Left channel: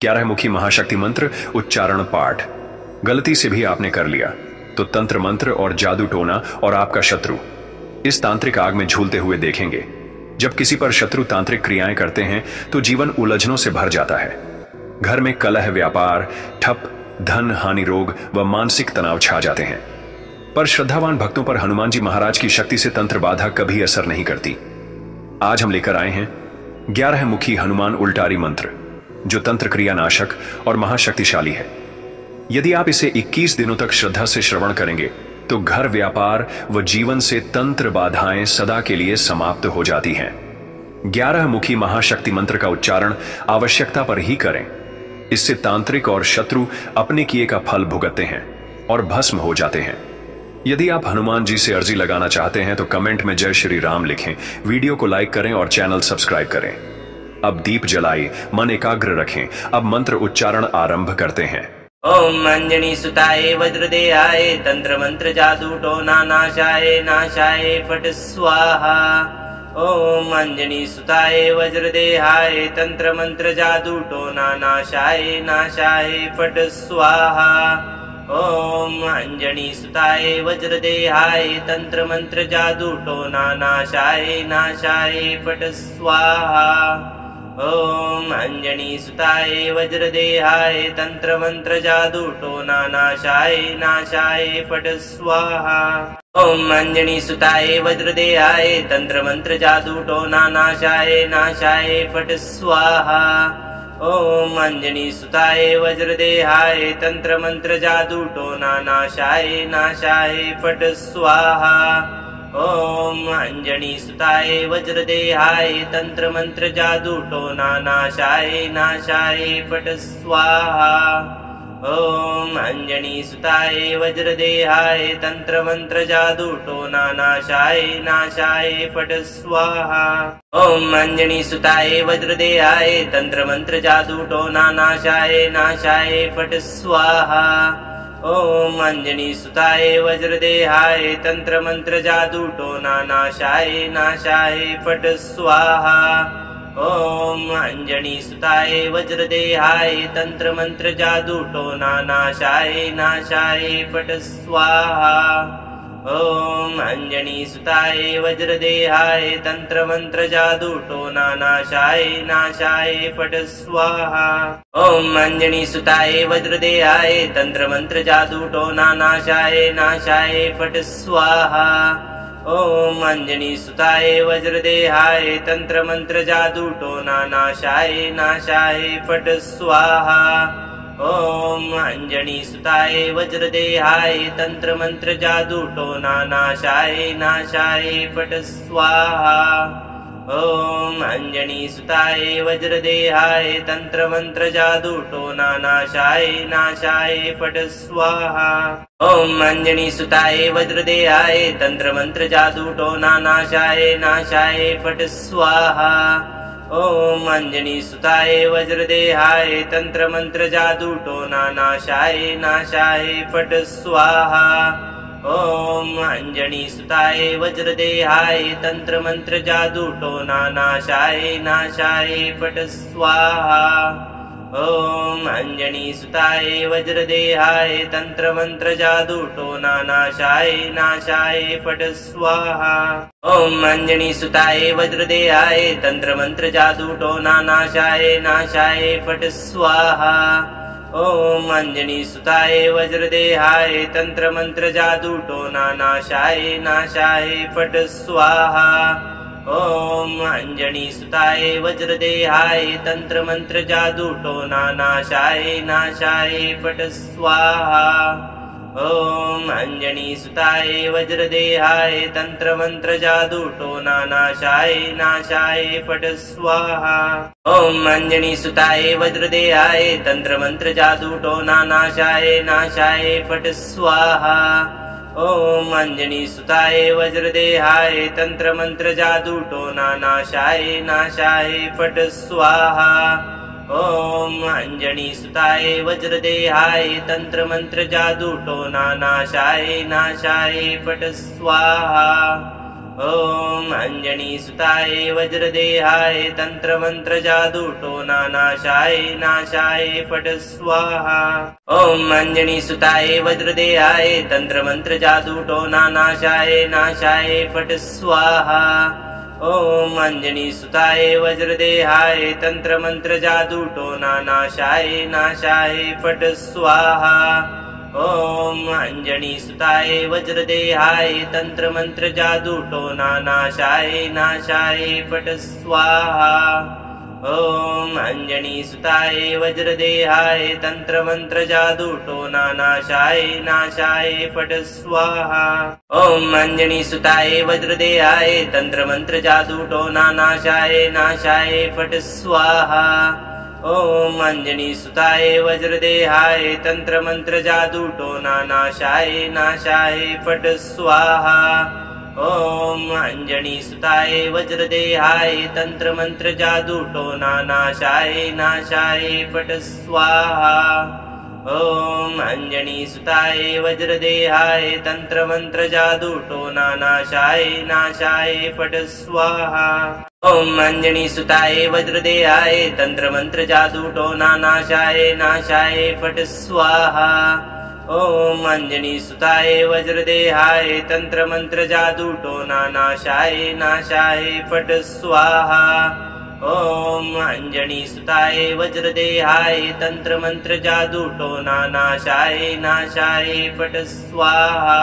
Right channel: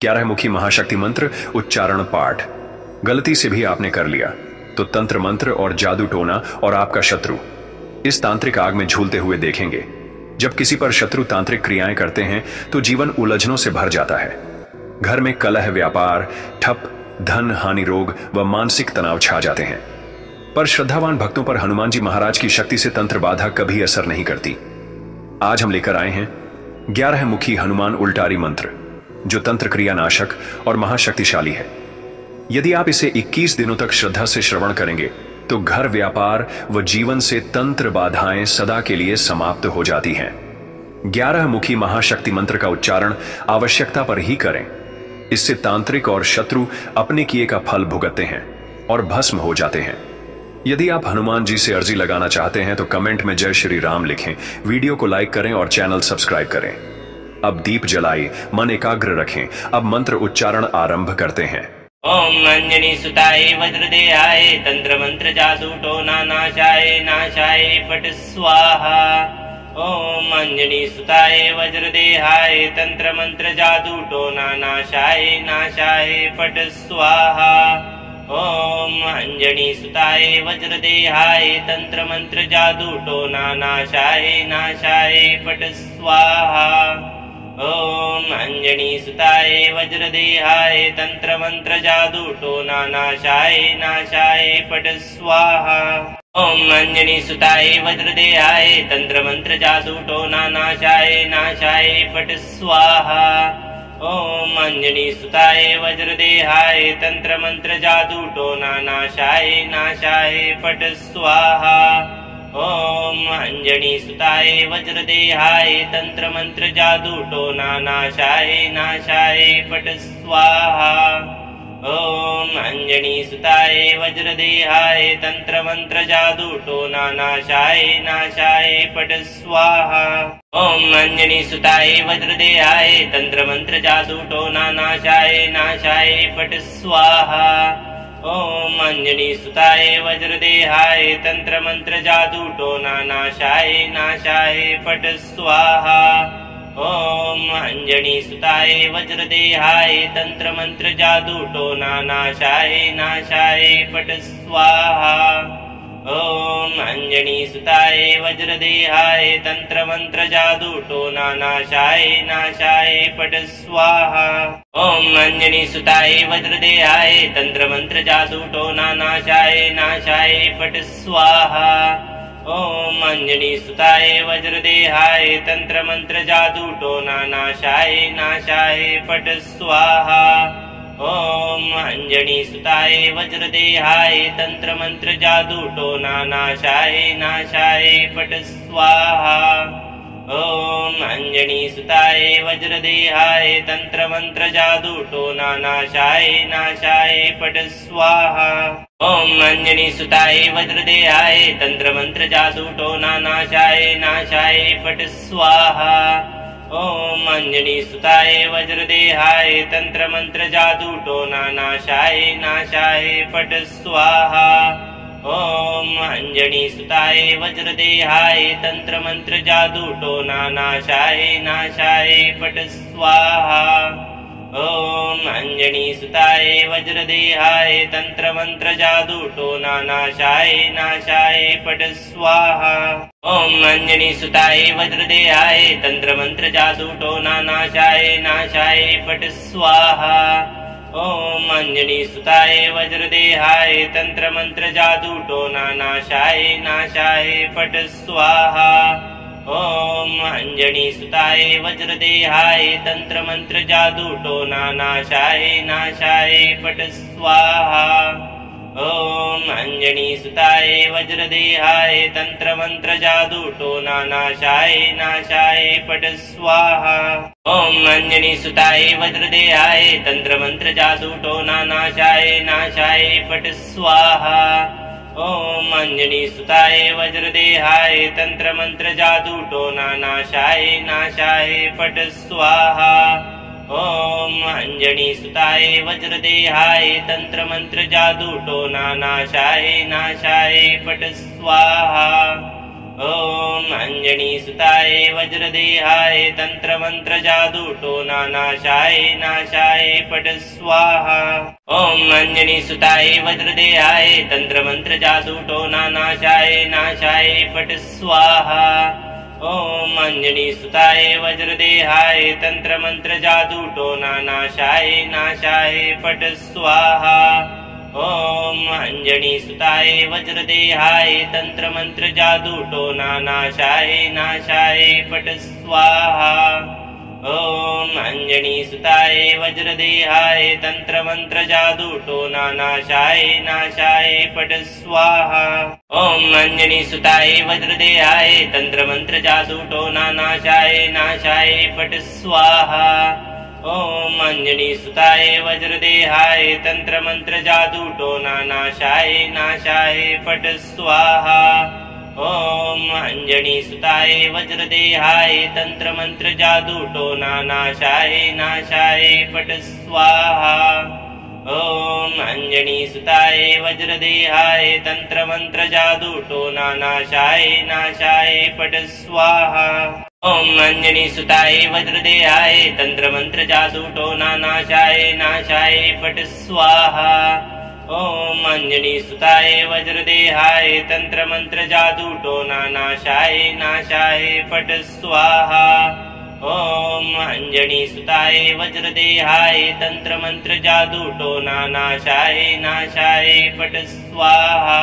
11 मुखी महाशक्ति मंत्र उच्चारण पाठ गलती से भी आपने कर लिया तो तंत्र मंत्र और जादू टोना और आपका शत्रु इस तांत्रिक आग में झूलते हुए देखेंगे। जब किसी पर शत्रु तांत्रिक क्रियाएं करते हैं तो जीवन उलझनों से भर जाता है। घर में कलह, व्यापार ठप, धन हानि, रोग व मानसिक तनाव छा जाते हैं। पर श्रद्धावान भक्तों पर हनुमान जी महाराज की शक्ति से तंत्र बाधा कभी असर नहीं करती। आज हम लेकर आए हैं 11 मुखी हनुमान उल्टारी मंत्र, जो तंत्र क्रिया नाशक और महाशक्तिशाली है। यदि आप इसे 21 दिनों तक श्रद्धा से श्रवण करेंगे तो घर, व्यापार व जीवन से तंत्र बाधाएं सदा के लिए समाप्त हो जाती हैं। 11 मुखी महाशक्ति मंत्र का उच्चारण आवश्यकता पर ही करें। इससे तांत्रिक और शत्रु अपने किए का फल भुगतते हैं और भस्म हो जाते हैं। यदि आप हनुमान जी से अर्जी लगाना चाहते हैं तो कमेंट में जय श्री राम लिखें, वीडियो को लाइक करें और चैनल सब्सक्राइब करें। अब दीप जलाए, मन एकाग्र रखें। अब मंत्र उच्चारण आरंभ करते हैं। ओम अंजनी सुताय वज्रदेहाय तंत्र मंत्र जादू टोना नाशाय नाशाय पट स्वाहा। ओम अंजनी सुताय वज्रदेहाय तंत्र मंत्र जादू टोना नाशाय नाशाय पट स्वाहा। ओम अंजनी सुताय वज्रदेहाय तंत्र मंत्र जादू टोना नाशाय नाशाय पट स्वाहा। ओम अंजनी सुताय वज्रदेहाय तंत्र मंत्र जादू टोना नाशाय नाशाय पट स्वाहा। ओम अंजनी सुताय वज्रदेहाय तंत्र मंत्र जादू टोना नाशाय नाशाय पट स्वाहा। ओम अंजनी सुताय वज्रदेहाय तंत्र मंत्र जादू टोना नाशाय नाशाय पट स्वाहा। ओम अंजनी सुताय वज्रदेहाय तंत्र मंत्र जादू टोना नाशाय नाशाय पट स्वाहा। ओम अंजनी सुताय वज्रदेहाय तंत्र मंत्र जादू टोना नाशाय नाशाय पट स्वाहा। ओम अंजनी सुताय वज्रदेहाय तंत्र मंत्र जादू टोना नाशाय नाशाय पट स्वाहा। ओम अंजनी सुताय वज्रदेहाय तंत्र मंत्र जादू टोना नाशाय नाशाय पट स्वाहा। ओम अंजनी सुताय वज्रदेहाय तंत्र मंत्र जादू टोना नाशाय नाशाय पट स्वाहा। ओम अंजनी सुताय वज्रदेहाय तंत्र मंत्र जादू टोना नाशाय नाशाय पट स्वाहा। ओम अंजनी सुताय वज्रदेहाय तंत्र मंत्र जादू टोना नाशाय नाशाय पट स्वाहा। ओम अंजनी सुताय वज्रदेहाय तंत्र मंत्र जादू टोना नाशाय नाशाय पट स्वाहा। ओम अंजनी सुताय वज्रदेहाय तंत्र मंत्र जादू टोना नाशाय नाशाय पट स्वाहा। ओम अंजनी सुताय वज्रदेहाय तंत्र मंत्र जादू टोना नाशाय नाशाय पट स्वाहा। ओम अंजनी सुताय वज्रदेहाय तंत्र मंत्र जादू टोना नाशाय नाशाय पट स्वाहा। ओम अंजनी सुताय वज्रदेहाय तंत्र मंत्र जादू टोना नाशाय नाशाय पट स्वाहा। ओम अंजनी सुताय वज्रदेहाय तंत्र मंत्र जादू टोना नाशाय नाशाय पट स्वाहा। ओम अंजनी सुताय वज्रदेहाय तंत्र मंत्र जादू टोना नाशाय नाशाय पट स्वाहा। ओम अंजनी सुताय वज्रदेहाय तंत्र मंत्र जादू टोना नाशाय नाशाय पट स्वाहा। ओम अंजनी सुताय वज्रदेहाय तंत्र मंत्र जादू टोना नाशाय नाशाय पट स्वाहा। ओम अंजनी सुताय वज्रदेहाय तंत्र मंत्र जादू टोना नाशाय नाशाय पट स्वाहा। ओम अंजनी सुताय वज्रदेहाय तंत्र मंत्र जादू टोना नाशाय नाशाय पट स्वाहा। ओम अंजनी सुताय वज्रदेहाय तंत्र मंत्र जादू टोना नाशाय नाशाय पट स्वाहा। ओम अंजनी सुताय वज्रदेहाय तंत्र मंत्र जादू टोना नाशाय नाशाय पट स्वाहा। ओम अंजनी सुताय वज्रदेहाय तंत्र मंत्र जादू टोना नाशाय नाशाय पट स्वाहा। ॐ अञ्जनीसुताय वज्रदेहाय तन्त्रमन्त्र जादूटोना नाशाय नाशाय फट् स्वाहा। ॐ अञ्जनीसुताय वज्रदेहाय तन्त्रमन्त्र जादूटोना नाशाय नाशाय फट् स्वाहा। ॐ अञ्जनीसुताय वज्रदेहाय तन्त्रमन्त्र जादूटोना नाशाय नाशाय फट् स्वाहा। ॐ अञ्जनीसुताय वज्रदेहाय तन्त्रमन्त्र जादूटोना नाशाय नाशाय फट् स्वाहा। ॐ अञ्जनीसुताय वज्रदेहाय तन्त्रमन्त्र जादूटोना नाशाय नाशाय फट् स्वाहा। ॐ अञ्जनीसुताय वज्रदेहाय तन्त्रमन्त्र जादूटोना नाशाय नाशाय फट् स्वाहा। ॐ अञ्जनीसुताय वज्रदेहाय तन्त्रमन्त्र जादूटोना नाशाय नाशाय फट् स्वाहा। ॐ अञ्जनीसुताय वज्रदेहाय तन्त्रमन्त्र जादूटोना नाशाय नाशाय फट् स्वाहा। ॐ अञ्जनीसुताय वज्रदेहाय तन्त्रमन्त्र जादूटोना नाशाय नाशाय फट् स्वाहा। ॐ अञ्जनीसुताय वज्रदेहाय तन्त्रमन्त्र जादूटोना नाशाय नाशाय फट् स्वाहा। ॐ अञ्जनीसुताय वज्रदेहाय तन्त्रमन्त्र जादूटोना नाशाय नाशाय फट् स्वाहा। ॐ अञ्जनीसुताय वज्रदेहाय तन्त्रमन्त्र जादूटोना नाशाय नाशाय फट् स्वाहा।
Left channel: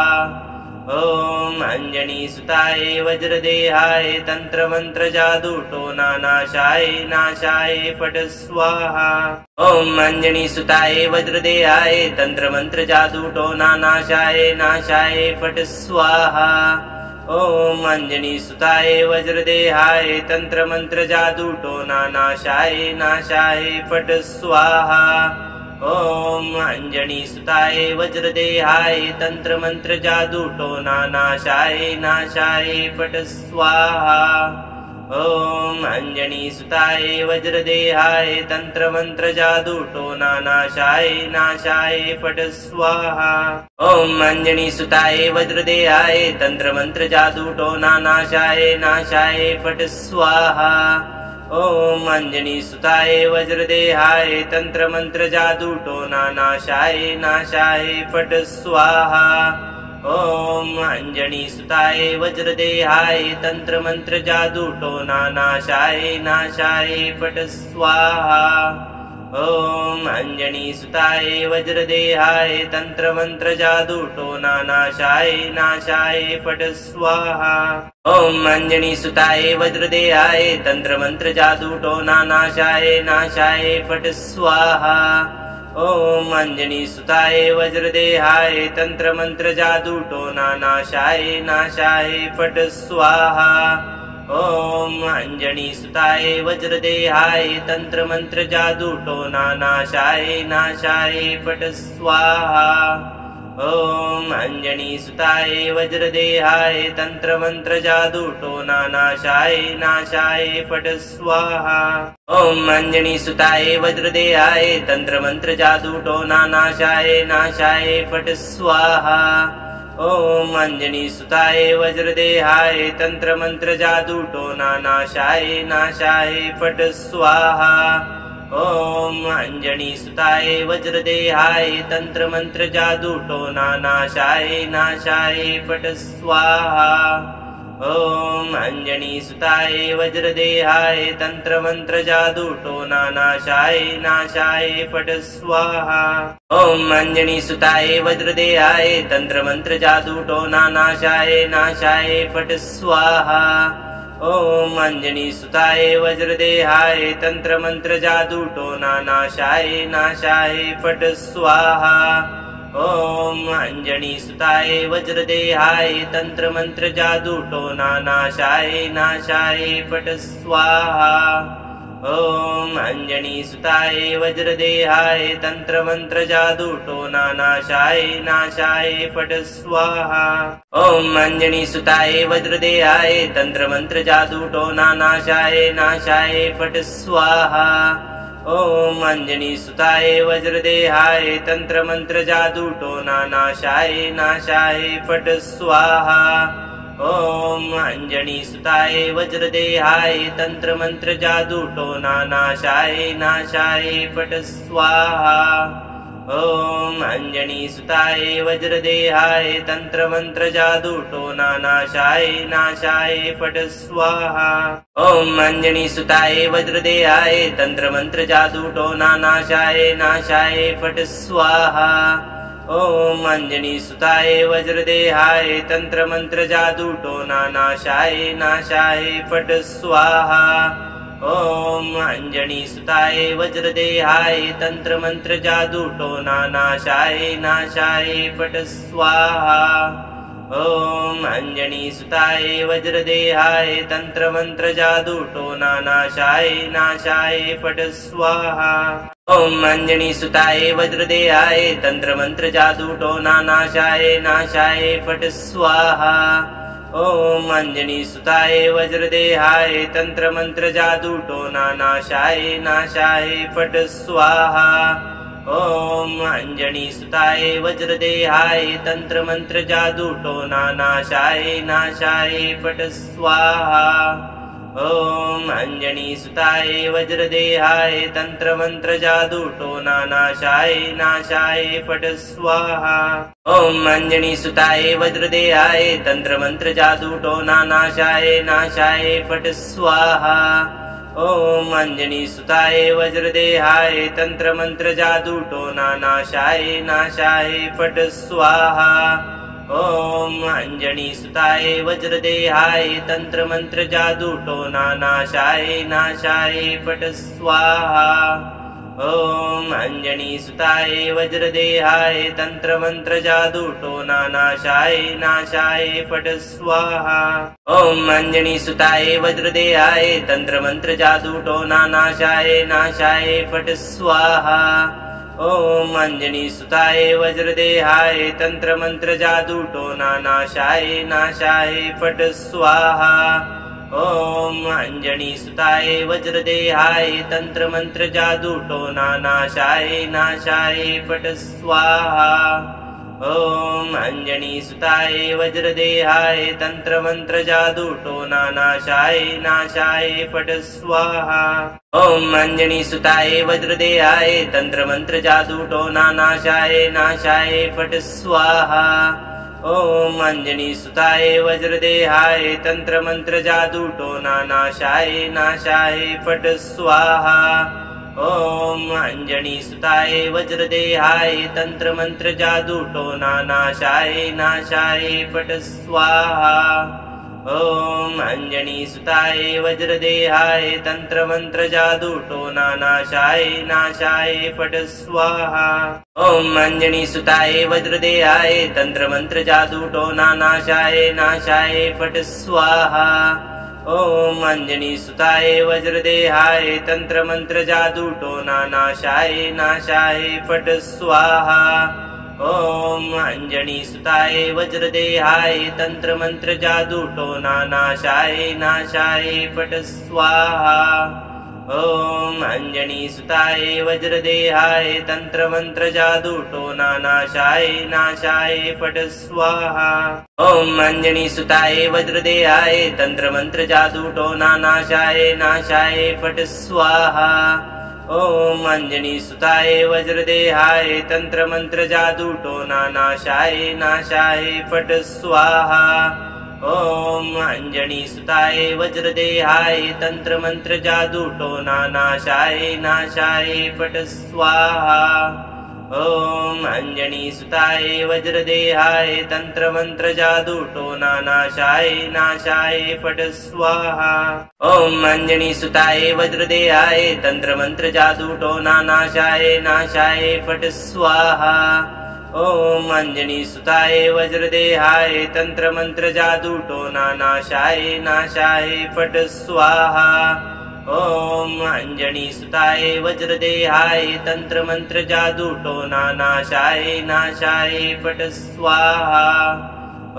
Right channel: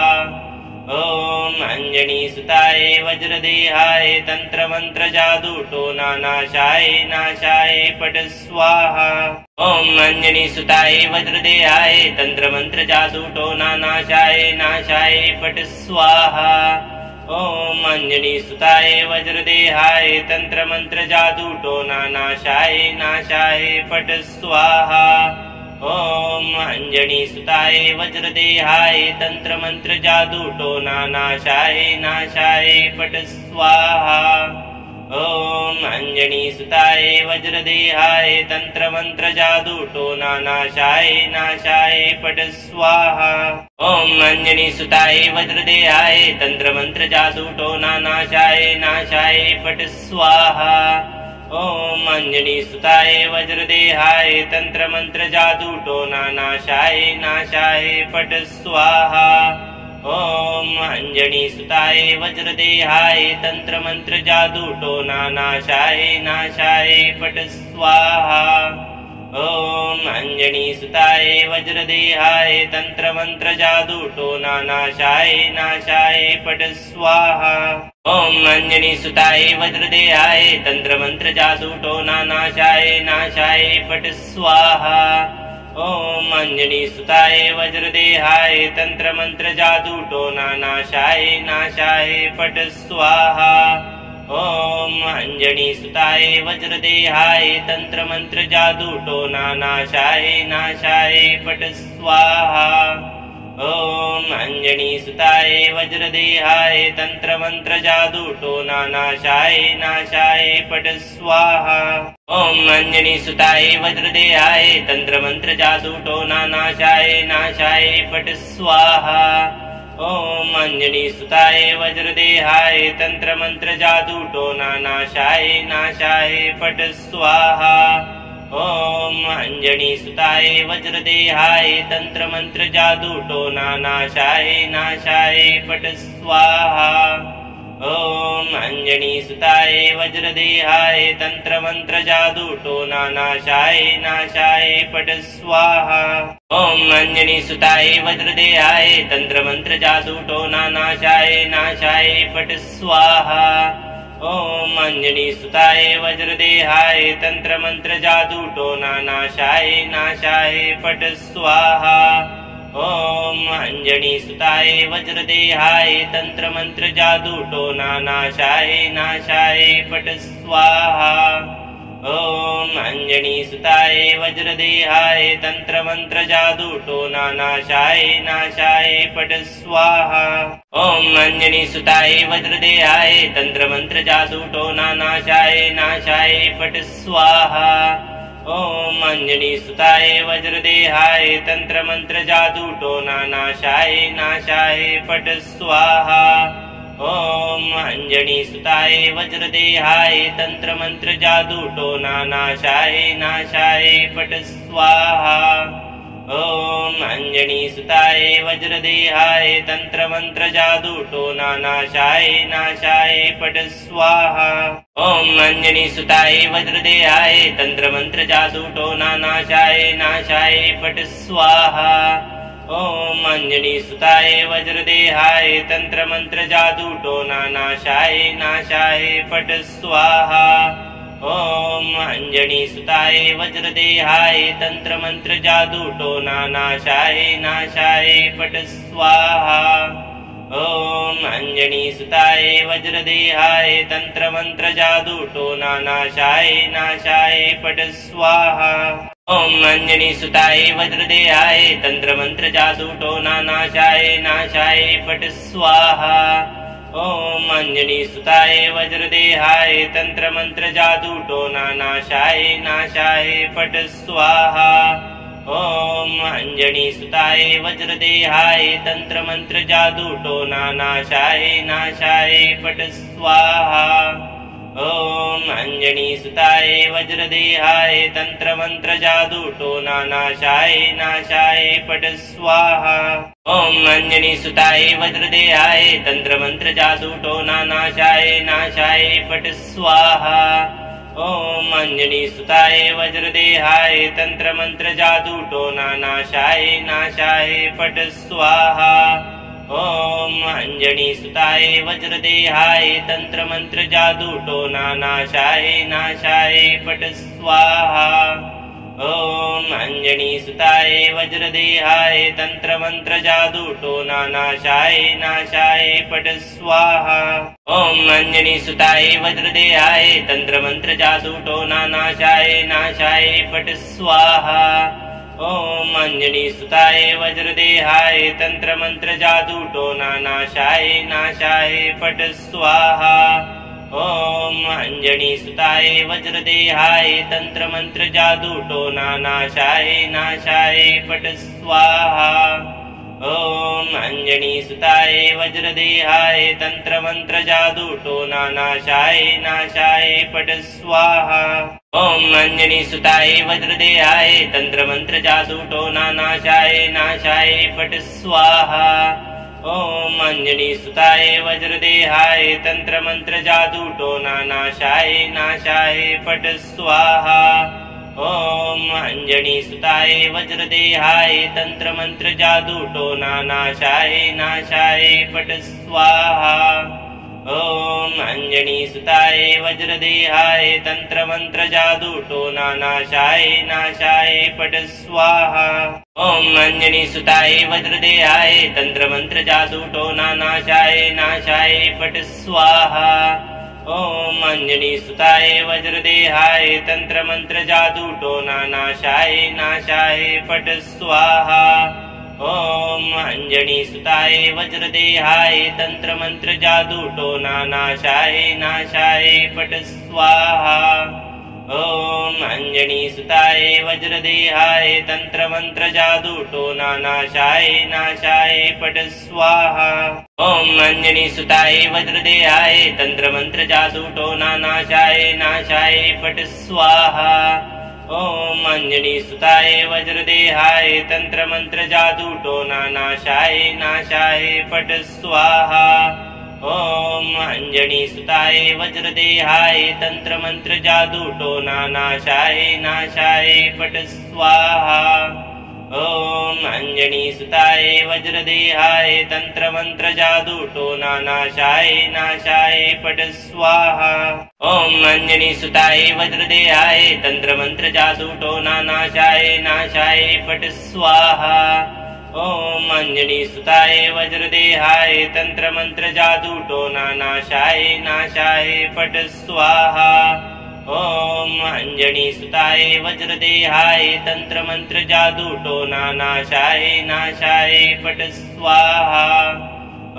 ॐ अञ्जनीसुताय वज्रदेहाय तन्त्रमन्त्र जादूटोना नाशाय नाशाय फट् स्वाहा। ॐ अञ्जनीसुताय वज्रदेहाय तन्त्रमन्त्र जादूटोना नाशाय नाशाय फट् स्वाहा। ॐ अञ्जनीसुताय वज्रदेहाय तन्त्रमन्त्र जादूटोना नाशाय नाशाय फट् स्वाहा। ॐ अञ्जनीसुताय वज्रदेहाय तन्त्रमन्त्र जादूटोना नाशाय नाशाय फट् स्वाहा। ॐ अञ्जनीसुताय वज्रदेहाय तन्त्रमन्त्र जादूटोना नाशाय नाशाय फट् स्वाहा। ॐ अञ्जनीसुताय वज्रदेहाय तन्त्रमन्त्र जादूटोना नाशाय नाशाय फट् स्वाहा। ॐ अञ्जनीसुताय वज्रदेहाय तन्त्रमन्त्र जादूटोना नाशाय नाशाय फट् स्वाहा। ॐ अञ्जनीसुताय वज्रदेहाय तन्त्रमन्त्र जादूटोना नाशाय नाशाय फट् स्वाहा। ॐ अञ्जनीसुताय वज्रदेहाय तन्त्रमन्त्र जादूटोना नाशाय नाशाय फट् स्वाहा। ॐ अञ्जनीसुताय वज्रदेहाय तन्त्रमन्त्र जादूटोना नाशाय नाशाय फट् स्वाहा। ॐ अञ्जनीसुताय वज्रदेहाय तन्त्रमन्त्र जादूटोना नाशाय नाशाय फट् स्वाहा। ॐ अञ्जनीसुताय वज्रदेहाय तन्त्रमन्त्र जादूटोना नाशाय नाशाय फट् स्वाहा। ॐ अञ्जनीसुताय वज्रदेहाय तन्त्रमन्त्र जादूटोना नाशाय नाशाय फट् स्वाहा। ॐ अञ्जनीसुताय वज्रदेहाय तन्त्रमन्त्र जादूटोना नाशाय नाशाय फट् स्वाहा। ॐ अञ्जनीसुताय वज्रदेहाय तन्त्रमन्त्र जादूटोना नाशाय नाशाय फट् स्वाहा। ॐ अञ्जनीसुताय वज्रदेहाय तन्त्रमन्त्र जादूटोना नाशाय नाशाय फट् स्वाहा। ॐ अञ्जनीसुताय वज्रदेहाय तन्त्रमन्त्र जादूटोना नाशाय नाशाय फट् स्वाहा। ॐ अञ्जनीसुताय वज्रदेहाय तन्त्रमन्त्र जादूटोना नाशाय नाशाय फट् स्वाहा। ॐ अञ्जनीसुताय वज्रदेहाय तन्त्रमन्त्र जादूटोना नाशाय नाशाय फट् स्वाहा। ॐ अञ्जनीसुताय वज्रदेहाय तन्त्रमन्त्र जादूटोना नाशाय नाशाय फट् स्वाहा। ॐ अञ्जनीसुताय वज्रदेहाय तन्त्रमन्त्र जादूटोना नाशाय नाशाय फट् स्वाहा। ॐ अञ्जनीसुताय वज्रदेहाय तन्त्रमन्त्र जादूटोना नाशाय नाशाय फट् स्वाहा। ॐ अञ्जनीसुताय वज्रदेहाय तन्त्रमन्त्र जादूटोना नाशाय नाशाय फट् स्वाहा। ॐ अञ्जनीसुताय वज्रदेहाय तन्त्रमन्त्र जादूटोना नाशाय नाशाय फट् स्वाहा। ॐ अञ्जनीसुताय वज्रदेहाय तन्त्रमन्त्र जादूटोना नाशाय नाशाय फट् स्वाहा। ॐ अञ्जनीसुताय वज्रदेहाय तन्त्रमन्त्र जादूटोना नाशाय नाशाय फट् स्वाहा। ॐ अञ्जनीसुताय वज्रदेहाय तन्त्रमन्त्र जादूटोना नाशाय नाशाय फट् स्वाहा। ॐ अञ्जनीसुताय वज्रदेहाय तन्त्रमन्त्र जादूटोना नाशाय नाशाय फट् स्वाहा। ॐ अञ्जनीसुताय वज्रदेहाय तन्त्रमन्त्र जादूटोना नाशाय नाशाय फट् स्वाहा। ॐ अञ्जनीसुताय वज्रदेहाय तन्त्रमन्त्र जादूटोना नाशाय नाशाय फट् स्वाहा। ॐ अञ्जनीसुताय वज्रदेहाय तन्त्रमन्त्र जादूटोना नाशाय नाशाय फट् स्वाहा। ॐ अञ्जनीसुताय वज्रदेहाय तन्त्रमन्त्र जादूटोना नाशाय नाशाय फट् स्वाहा। ॐ अञ्जनीसुताय वज्रदेहाय तन्त्रमन्त्र जादूटोना नाशाय नाशाय फट् स्वाहा। ॐ अञ्जनीसुताय वज्रदेहाय तन्त्रमन्त्र जादूटोना नाशाय नाशाय फट् स्वाहा। ॐ अञ्जनीसुताय वज्रदेहाय तन्त्रमन्त्र जादूटोना नाशाय नाशाय फट् स्वाहा। ॐ अञ्जनीसुताय वज्रदेहाय तन्त्रमन्त्र जादूटोना नाशाय नाशाय फट् स्वाहा। ॐ अञ्जनीसुताय वज्रदेहाय तन्त्रमन्त्र जादूटोना नाशाय नाशाय फट् स्वाहा। ॐ अञ्जनीसुताय वज्रदेहाय तन्त्रमन्त्र जादूटोना नाशाय नाशाय फट् स्वाहा। ॐ अञ्जनीसुताय वज्रदेहाय तन्त्रमन्त्र जादूटोना नाशाय नाशाय फट् स्वाहा। ॐ अञ्जनीसुताय वज्रदेहाय तन्त्रमन्त्र जादूटोना नाशाय नाशाय फट् स्वाहा। ॐ अञ्जनीसुताय वज्रदेहाय तन्त्रमन्त्र जादूटोना नाशाय नाशाय फट् स्वाहा। ॐ अञ्जनीसुताय वज्रदेहाय तन्त्रमन्त्र जादूटोना नाशाय नाशाय फट् स्वाहा। ॐ अञ्जनीसुताय वज्रदेहाय तन्त्रमन्त्र जादूटोना नाशाय नाशाय फट् स्वाहा। ॐ अञ्जनीसुताय वज्रदेहाय तन्त्रमन्त्र जादूटोना नाशाय नाशाय फट् स्वाहा। ॐ अञ्जनीसुताय वज्रदेहाय तन्त्रमन्त्र जादूटोना नाशाय नाशाय फट् स्वाहा। ॐ अञ्जनीसुताय वज्रदेहाय तन्त्रमन्त्र जादूटोना नाशाय नाशाय फट् स्वाहा। ॐ अञ्जनीसुताय वज्रदेहाय तन्त्रमन्त्र जादूटोना नाशाय नाशाय फट् स्वाहा। ॐ अञ्जनीसुताय वज्रदेहाय तन्त्रमन्त्र जादूटोना नाशाय नाशाय फट् स्वाहा। ॐ अञ्जनीसुताय वज्रदेहाय तन्त्रमन्त्र जादूटोना नाशाय नाशाय फट् स्वाहा। ॐ अञ्जनीसुताय वज्रदेहाय तन्त्रमन्त्र जादूटोना नाशाय नाशाय फट् स्वाहा। ॐ अञ्जनीसुताय वज्रदेहाय तन्त्रमन्त्र जादूटोना नाशाय नाशाय फट् स्वाहा। ॐ अञ्जनीसुताय वज्रदेहाय तन्त्रमन्त्र जादूटोना नाशाय नाशाय फट् स्वाहा। ॐ अञ्जनीसुताय वज्रदेहाय तन्त्रमन्त्र जादूटोना नाशाय नाशाय फट् स्वाहा। ॐ अञ्जनीसुताय वज्रदेहाय तन्त्रमन्त्र जादूटोना नाशाय नाशाय फट् स्वाहा। ॐ अञ्जनीसुताय वज्रदेहाय तन्त्रमन्त्र जादूटोना नाशाय नाशाय फट् स्वाहा। ॐ अञ्जनीसुताय वज्रदेहाय तन्त्रमन्त्र जादूटोना नाशाय नाशाय फट् स्वाहा।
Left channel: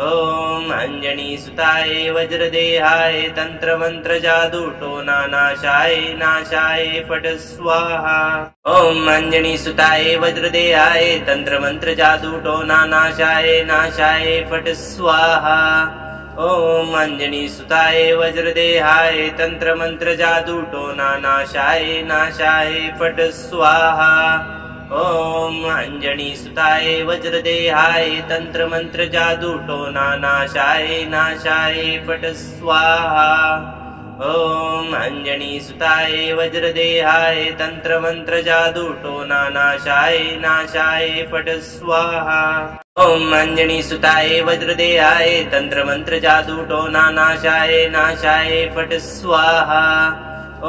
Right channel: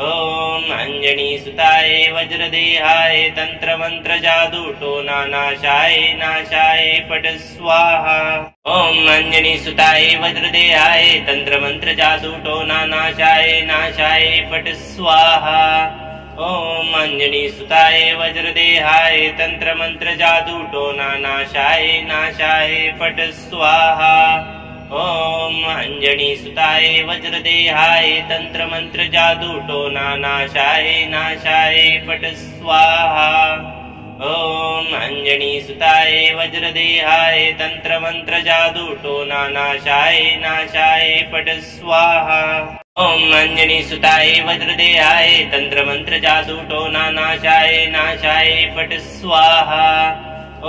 ॐ अञ्जनीसुताय वज्रदेहाय तन्त्रमन्त्र जादूटोना नाशाय नाशाय फट् स्वाहा। ॐ अञ्जनीसुताय वज्रदेहाय तन्त्रमन्त्र जादूटोना नाशाय नाशाय फट् स्वाहा। ॐ अंजनीसुताय वज्रदेहाय तंत्रमंत्र जादू टोना नाशाय नाशाय पट स्वाहा। ॐ अंजनीसुताय वज्रदेहाय तंत्रमंत्र जादू टोना नाशाय नाशाय पट स्वाहा। ॐ अंजनीसुताय वज्रदेहाय तंत्रमंत्र जादू टोना नाशाय नाशाय पट स्वाहा। ॐ अंजनीसुताय वज्रदेहाय तंत्रमंत्र जादू टोना नाशाय नाशाय पट स्वाहा।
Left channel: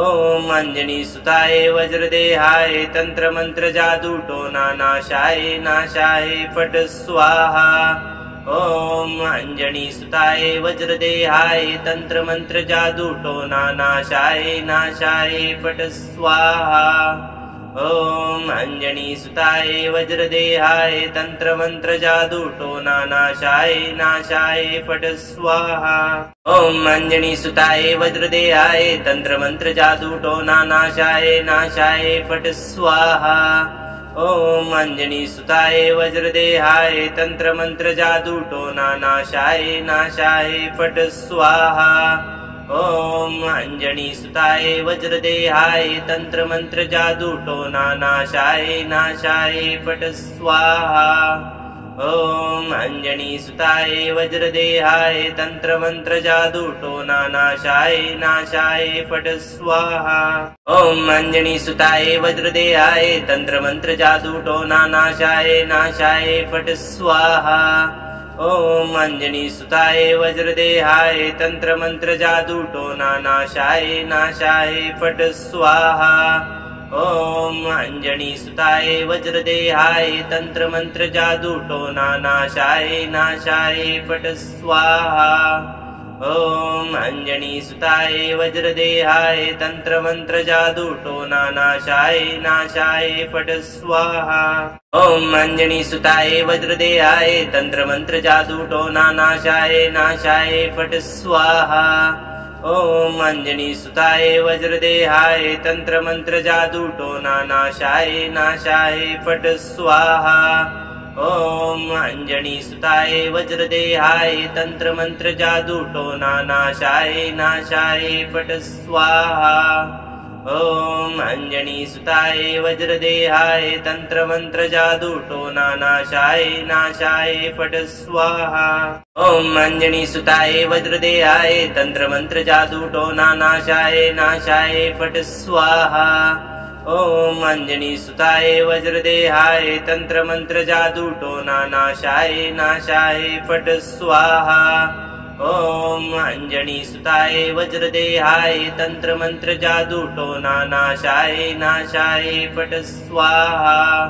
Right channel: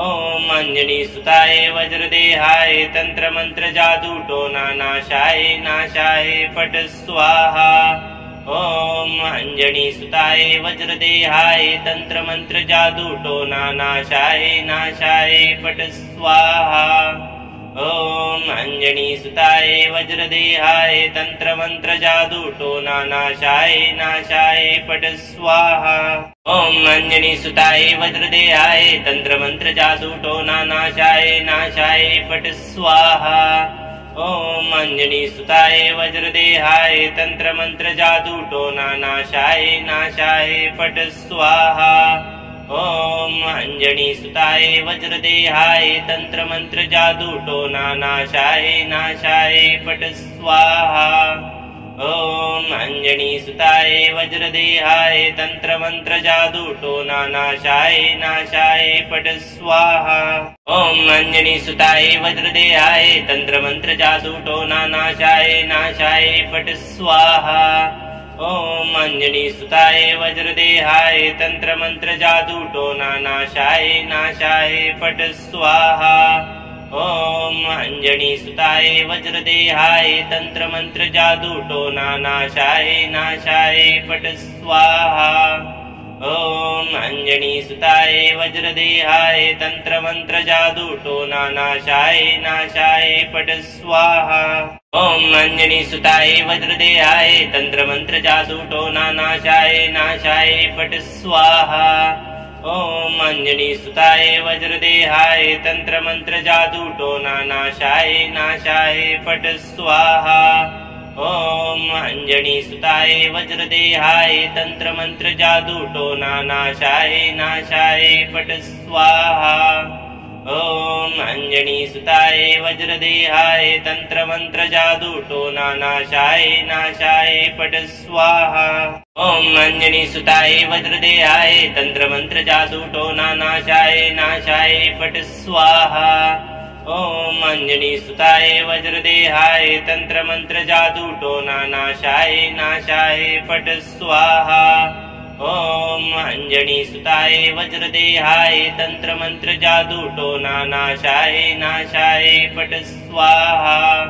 ॐ अंजनीसुताय वज्रदेहाय तंत्रमंत्र जादू टोना नाशाय नाशाय पट स्वाहा। ॐ अंजनीसुताय वज्रदेहाय तंत्रमंत्र जादू टोना नाशाय नाशाय पट स्वाहा। ॐ अंजनीसुताय वज्रदेहाय तंत्रमंत्र जादू टोना नाशाय नाशाय पट स्वाहा। ॐ अंजनीसुताय वज्रदेहाय तंत्रमंत्र जादू टोना नाशाय नाशाय पट स्वाहा। ॐ अंजनीसुताय वज्रदेहाय तंत्रमंत्र जादू टोना नाशाय नाशाय पट स्वाहा। ॐ अंजनीसुताय वज्रदेहाय तंत्रमंत्र जादू टोना नाशाय नाशाय पट स्वाहा। ॐ अंजनीसुताय वज्रदेहाय तंत्रमंत्र जादू टोना नाशाय नाशाय पट स्वाहा। ॐ अंजनीसुताय वज्रदेहाय तंत्रमंत्र जादू टोना नाशाय नाशाय पट स्वाहा। ॐ अंजनीसुताय वज्रदेहाय तंत्रमंत्र जादू टोना नाशाय नाशाय पट स्वाहा। ॐ अंजनीसुताय वज्रदेहाय तंत्रमंत्र जादू टोना नाशाय नाशाय पट स्वाहा। ॐ अंजनीसुताय वज्रदेहाय तंत्रमंत्र जादू टोना नाशाय नाशाय पट स्वाहा। ॐ अंजनीसुताय वज्रदेहाय तंत्रमंत्र जादू टोना नाशाय नाशाय पट स्वाहा। ॐ अंजनीसुताय वज्रदेहाय तंत्रमंत्र जादू टोना नाशाय नाशाय पट स्वाहा। ॐ अंजनीसुताय वज्रदेहाय तंत्रमंत्र जादू टोना नाशाय नाशाय पट स्वाहा। ॐ अंजनीसुताय वज्रदेहाय तंत्रमंत्र जादू टोना नाशाय नाशाय पट स्वाहा। ॐ अंजनीसुताय वज्रदेहाय तंत्रमंत्र जादू टोना नाशाय नाशाय पट स्वाहा। ॐ अंजनीसुताय वज्रदेहाय तंत्रमंत्र जादू टोना नाशाय नाशाय पट स्वाहा। ॐ अंजनीसुताय वज्रदेहाय तंत्रमंत्र जादू टोना नाशाय नाशाय पट स्वाहा।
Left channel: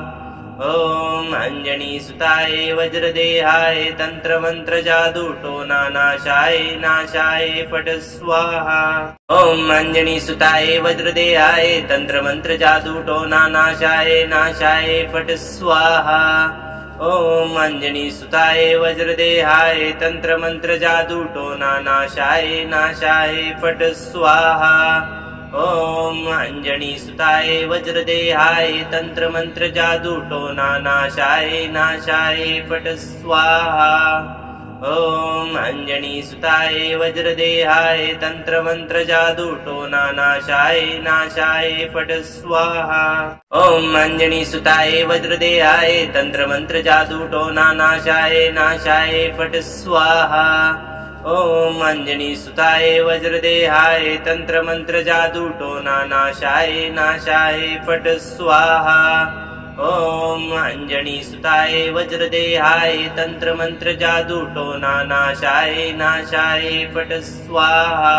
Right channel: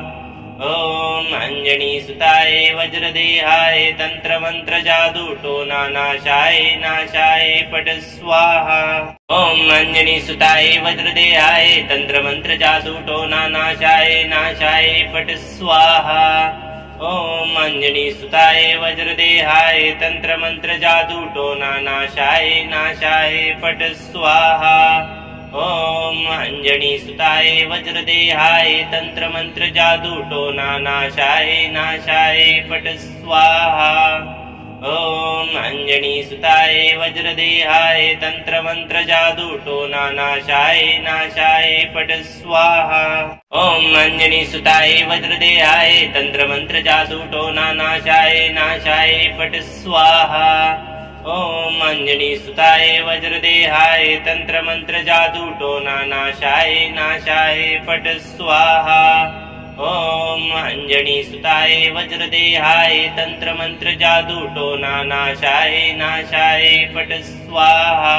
ॐ अंजनीसुताय वज्रदेहाय तंत्रमंत्र जादू टोना नाशाय नाशाय पट स्वाहा। ॐ अंजनीसुताय वज्रदेहाय तंत्रमंत्र जादू टोना नाशाय नाशाय पट स्वाहा। ॐ अंजनीसुताय वज्रदेहाय तंत्रमंत्र जादू टोना नाशाय नाशाय पट स्वाहा। ॐ अंजनीसुताय वज्रदेहाय तंत्रमंत्र जादू टोना नाशाय नाशाय पट स्वाहा। ॐ अंजनीसुताय वज्रदेहाय तंत्रमंत्र जादू टोना नाशाय नाशाय पट स्वाहा। ॐ अंजनीसुताय वज्रदेहाय तंत्रमंत्र जादू टोना नाशाय नाशाय पट स्वाहा। ॐ अंजनीसुताय वज्रदेहाय तंत्रमंत्र जादू टोना नाशाय नाशाय पट स्वाहा। ॐ अंजनीसुताय वज्रदेहाय तंत्रमंत्र जादू टोना नाशाय नाशाय पट स्वाहा।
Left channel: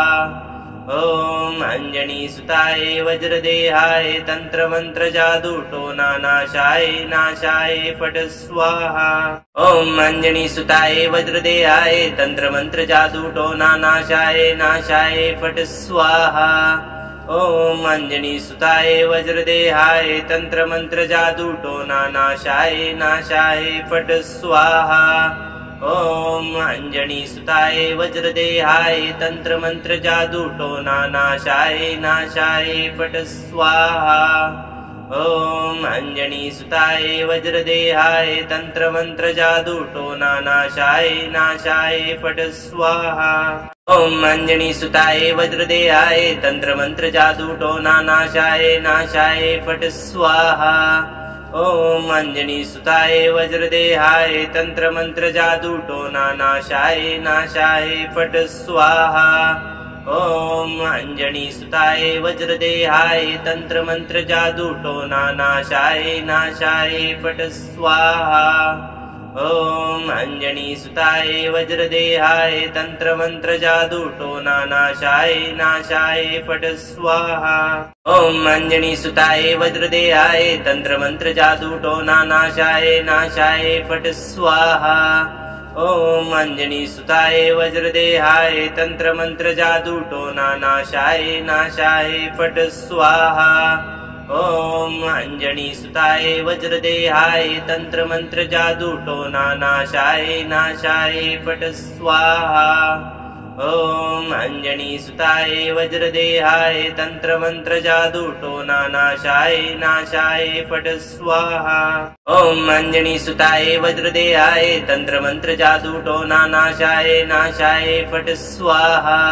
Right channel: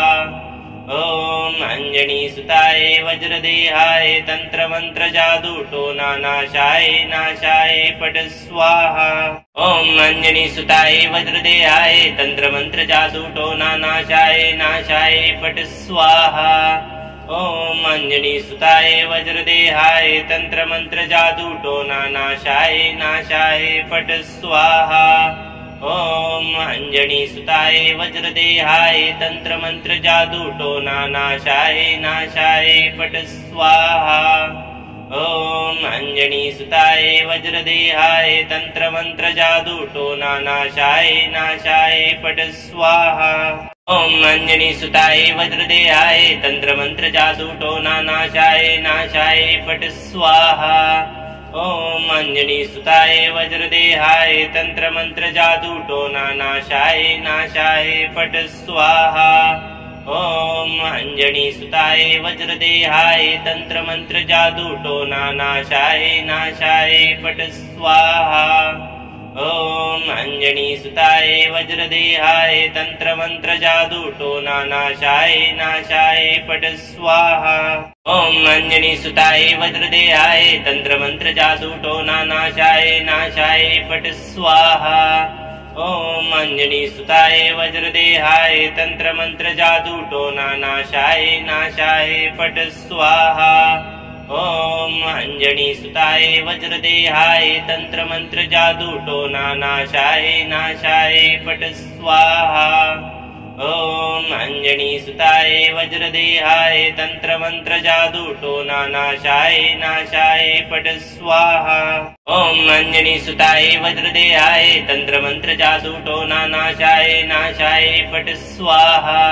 ॐ अंजनीसुताय वज्रदेहाय तंत्रमंत्र जादू टोना नाशाय नाशाय पट स्वाहा। ॐ अंजनीसुताय वज्रदेहाय तंत्रमंत्र जादू टोना नाशाय नाशाय पट स्वाहा। ॐ अंजनीसुताय वज्रदेहाय तंत्रमंत्र जादू टोना नाशाय नाशाय पट स्वाहा। ॐ अंजनीसुताय वज्रदेहाय तंत्रमंत्र जादू टोना नाशाय नाशाय पट स्वाहा। ॐ अञ्जनीसुताय वज्रदेहाय तन्त्रमन्त्र जादूटोना नाशाय नाशाय फट् स्वाहा। ॐ अञ्जनीसुताय वज्रदेहाय तन्त्रमन्त्र जादूटोना नाशाय नाशाय फट् स्वाहा। ॐ अञ्जनीसुताय वज्रदेहाय तन्त्रमन्त्र जादूटोना नाशाय नाशाय फट् स्वाहा। ॐ अञ्जनीसुताय वज्रदेहाय तन्त्रमन्त्र जादूटोना नाशाय नाशाय फट् स्वाहा। ॐ अञ्जनीसुताय वज्रदेहाय तन्त्रमन्त्र जादूटोना नाशाय नाशाय फट् स्वाहा। ॐ अञ्जनीसुताय वज्रदेहाय तन्त्रमन्त्र जादूटोना नाशाय नाशाय फट् स्वाहा। ॐ अञ्जनीसुताय वज्रदेहाय तन्त्रमन्त्र जादूटोना नाशाय नाशाय फट् स्वाहा। ॐ अञ्जनीसुताय वज्रदेहाय तन्त्रमन्त्र जादूटोना नाशाय नाशाय फट् स्वाहा। ॐ अञ्जनीसुताय वज्रदेहाय तन्त्रमन्त्र जादूटोना नाशाय नाशाय फट् स्वाहा। ॐ अञ्जनीसुताय वज्रदेहाय तन्त्रमन्त्र जादूटोना नाशाय नाशाय फट् स्वाहा।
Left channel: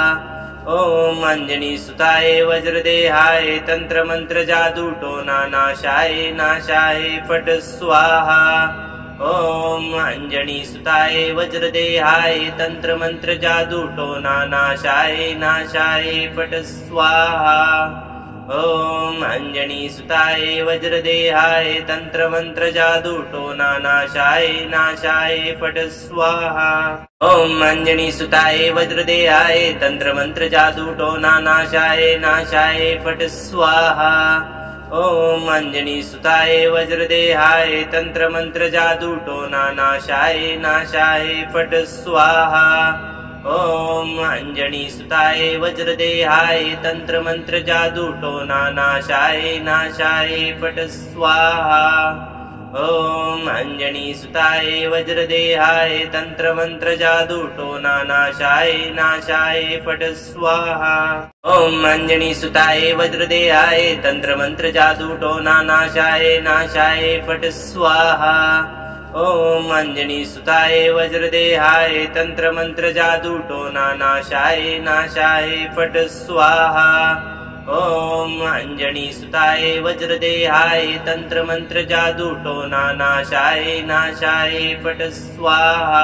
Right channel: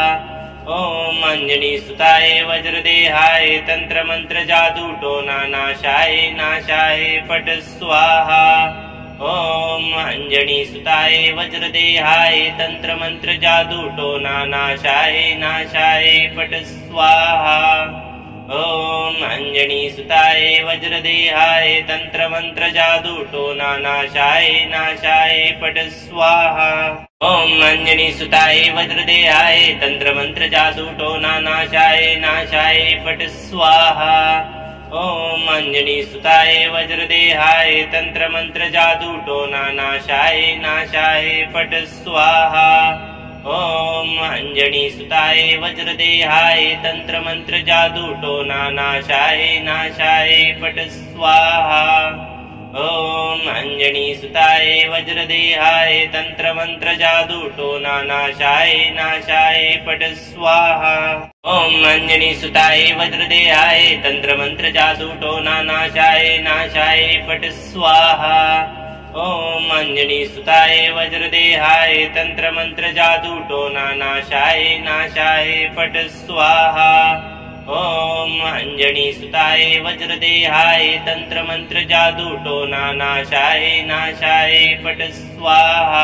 ॐ अञ्जनीसुताय वज्रदेहाय तन्त्रमन्त्र जादूटोना नाशाय नाशाय फट् स्वाहा। ॐ अञ्जनीसुताय वज्रदेहाय तन्त्रमन्त्र जादूटोना नाशाय नाशाय फट् स्वाहा। ॐ अञ्जनीसुताय वज्रदेहाय तन्त्रमन्त्र जादूटोना नाशाय नाशाय फट् स्वाहा। ॐ अञ्जनीसुताय वज्रदेहाय तन्त्रमन्त्र जादूटोना नाशाय नाशाय फट् स्वाहा। ॐ अञ्जनीसुताय वज्रदेहाय तन्त्रमन्त्र जादूटोना नाशाय नाशाय फट् स्वाहा। ॐ अञ्जनीसुताय वज्रदेहाय तन्त्रमन्त्र जादूटोना नाशाय नाशाय फट् स्वाहा। ॐ अञ्जनीसुताय वज्रदेहाय तन्त्रमन्त्र जादूटोना नाशाय नाशाय फट् स्वाहा। ॐ अञ्जनीसुताय वज्रदेहाय तन्त्रमन्त्र जादूटोना नाशाय नाशाय फट् स्वाहा। ॐ अञ्जनीसुताय वज्रदेहाय तन्त्रमन्त्र जादूटोना नाशाय नाशाय फट् स्वाहा। ॐ अञ्जनीसुताय वज्रदेहाय तन्त्रमन्त्र जादूटोना नाशाय नाशाय फट् स्वाहा।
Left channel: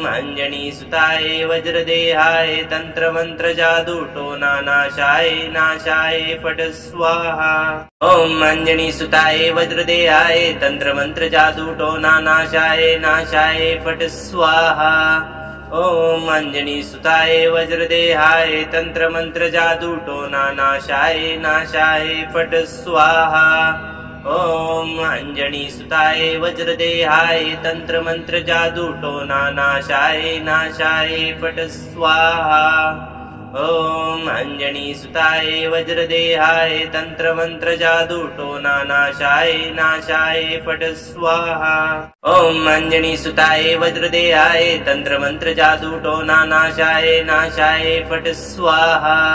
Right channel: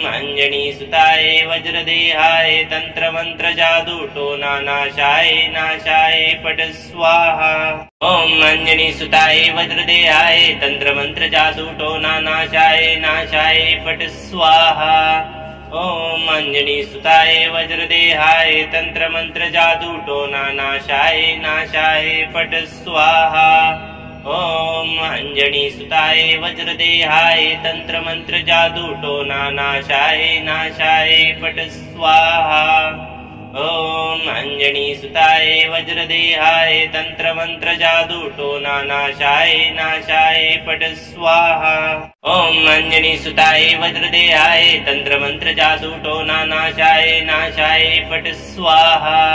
ॐ अञ्जनीसुताय वज्रदेहाय तन्त्रमन्त्र जादूटोना नाशाय नाशाय फट् स्वाहा। ॐ अञ्जनीसुताय वज्रदेहाय तन्त्रमन्त्र जादूटोना नाशाय नाशाय फट् स्वाहा। ॐ अञ्जनीसुताय वज्रदेहाय तन्त्रमन्त्र जादूटोना नाशाय नाशाय फट् स्वाहा। ॐ अञ्जनीसुताय वज्रदेहाय तन्त्रमन्त्र जादूटोना नाशाय नाशाय फट् स्वाहा। ॐ अञ्जनीसुताय वज्रदेहाय तन्त्रमन्त्र जादूटोना नाशाय नाशाय फट् स्वाहा। ॐ अञ्जनीसुताय वज्रदेहाय तन्त्रमन्त्र जादूटोना नाशाय नाशाय फट् स्वाहा।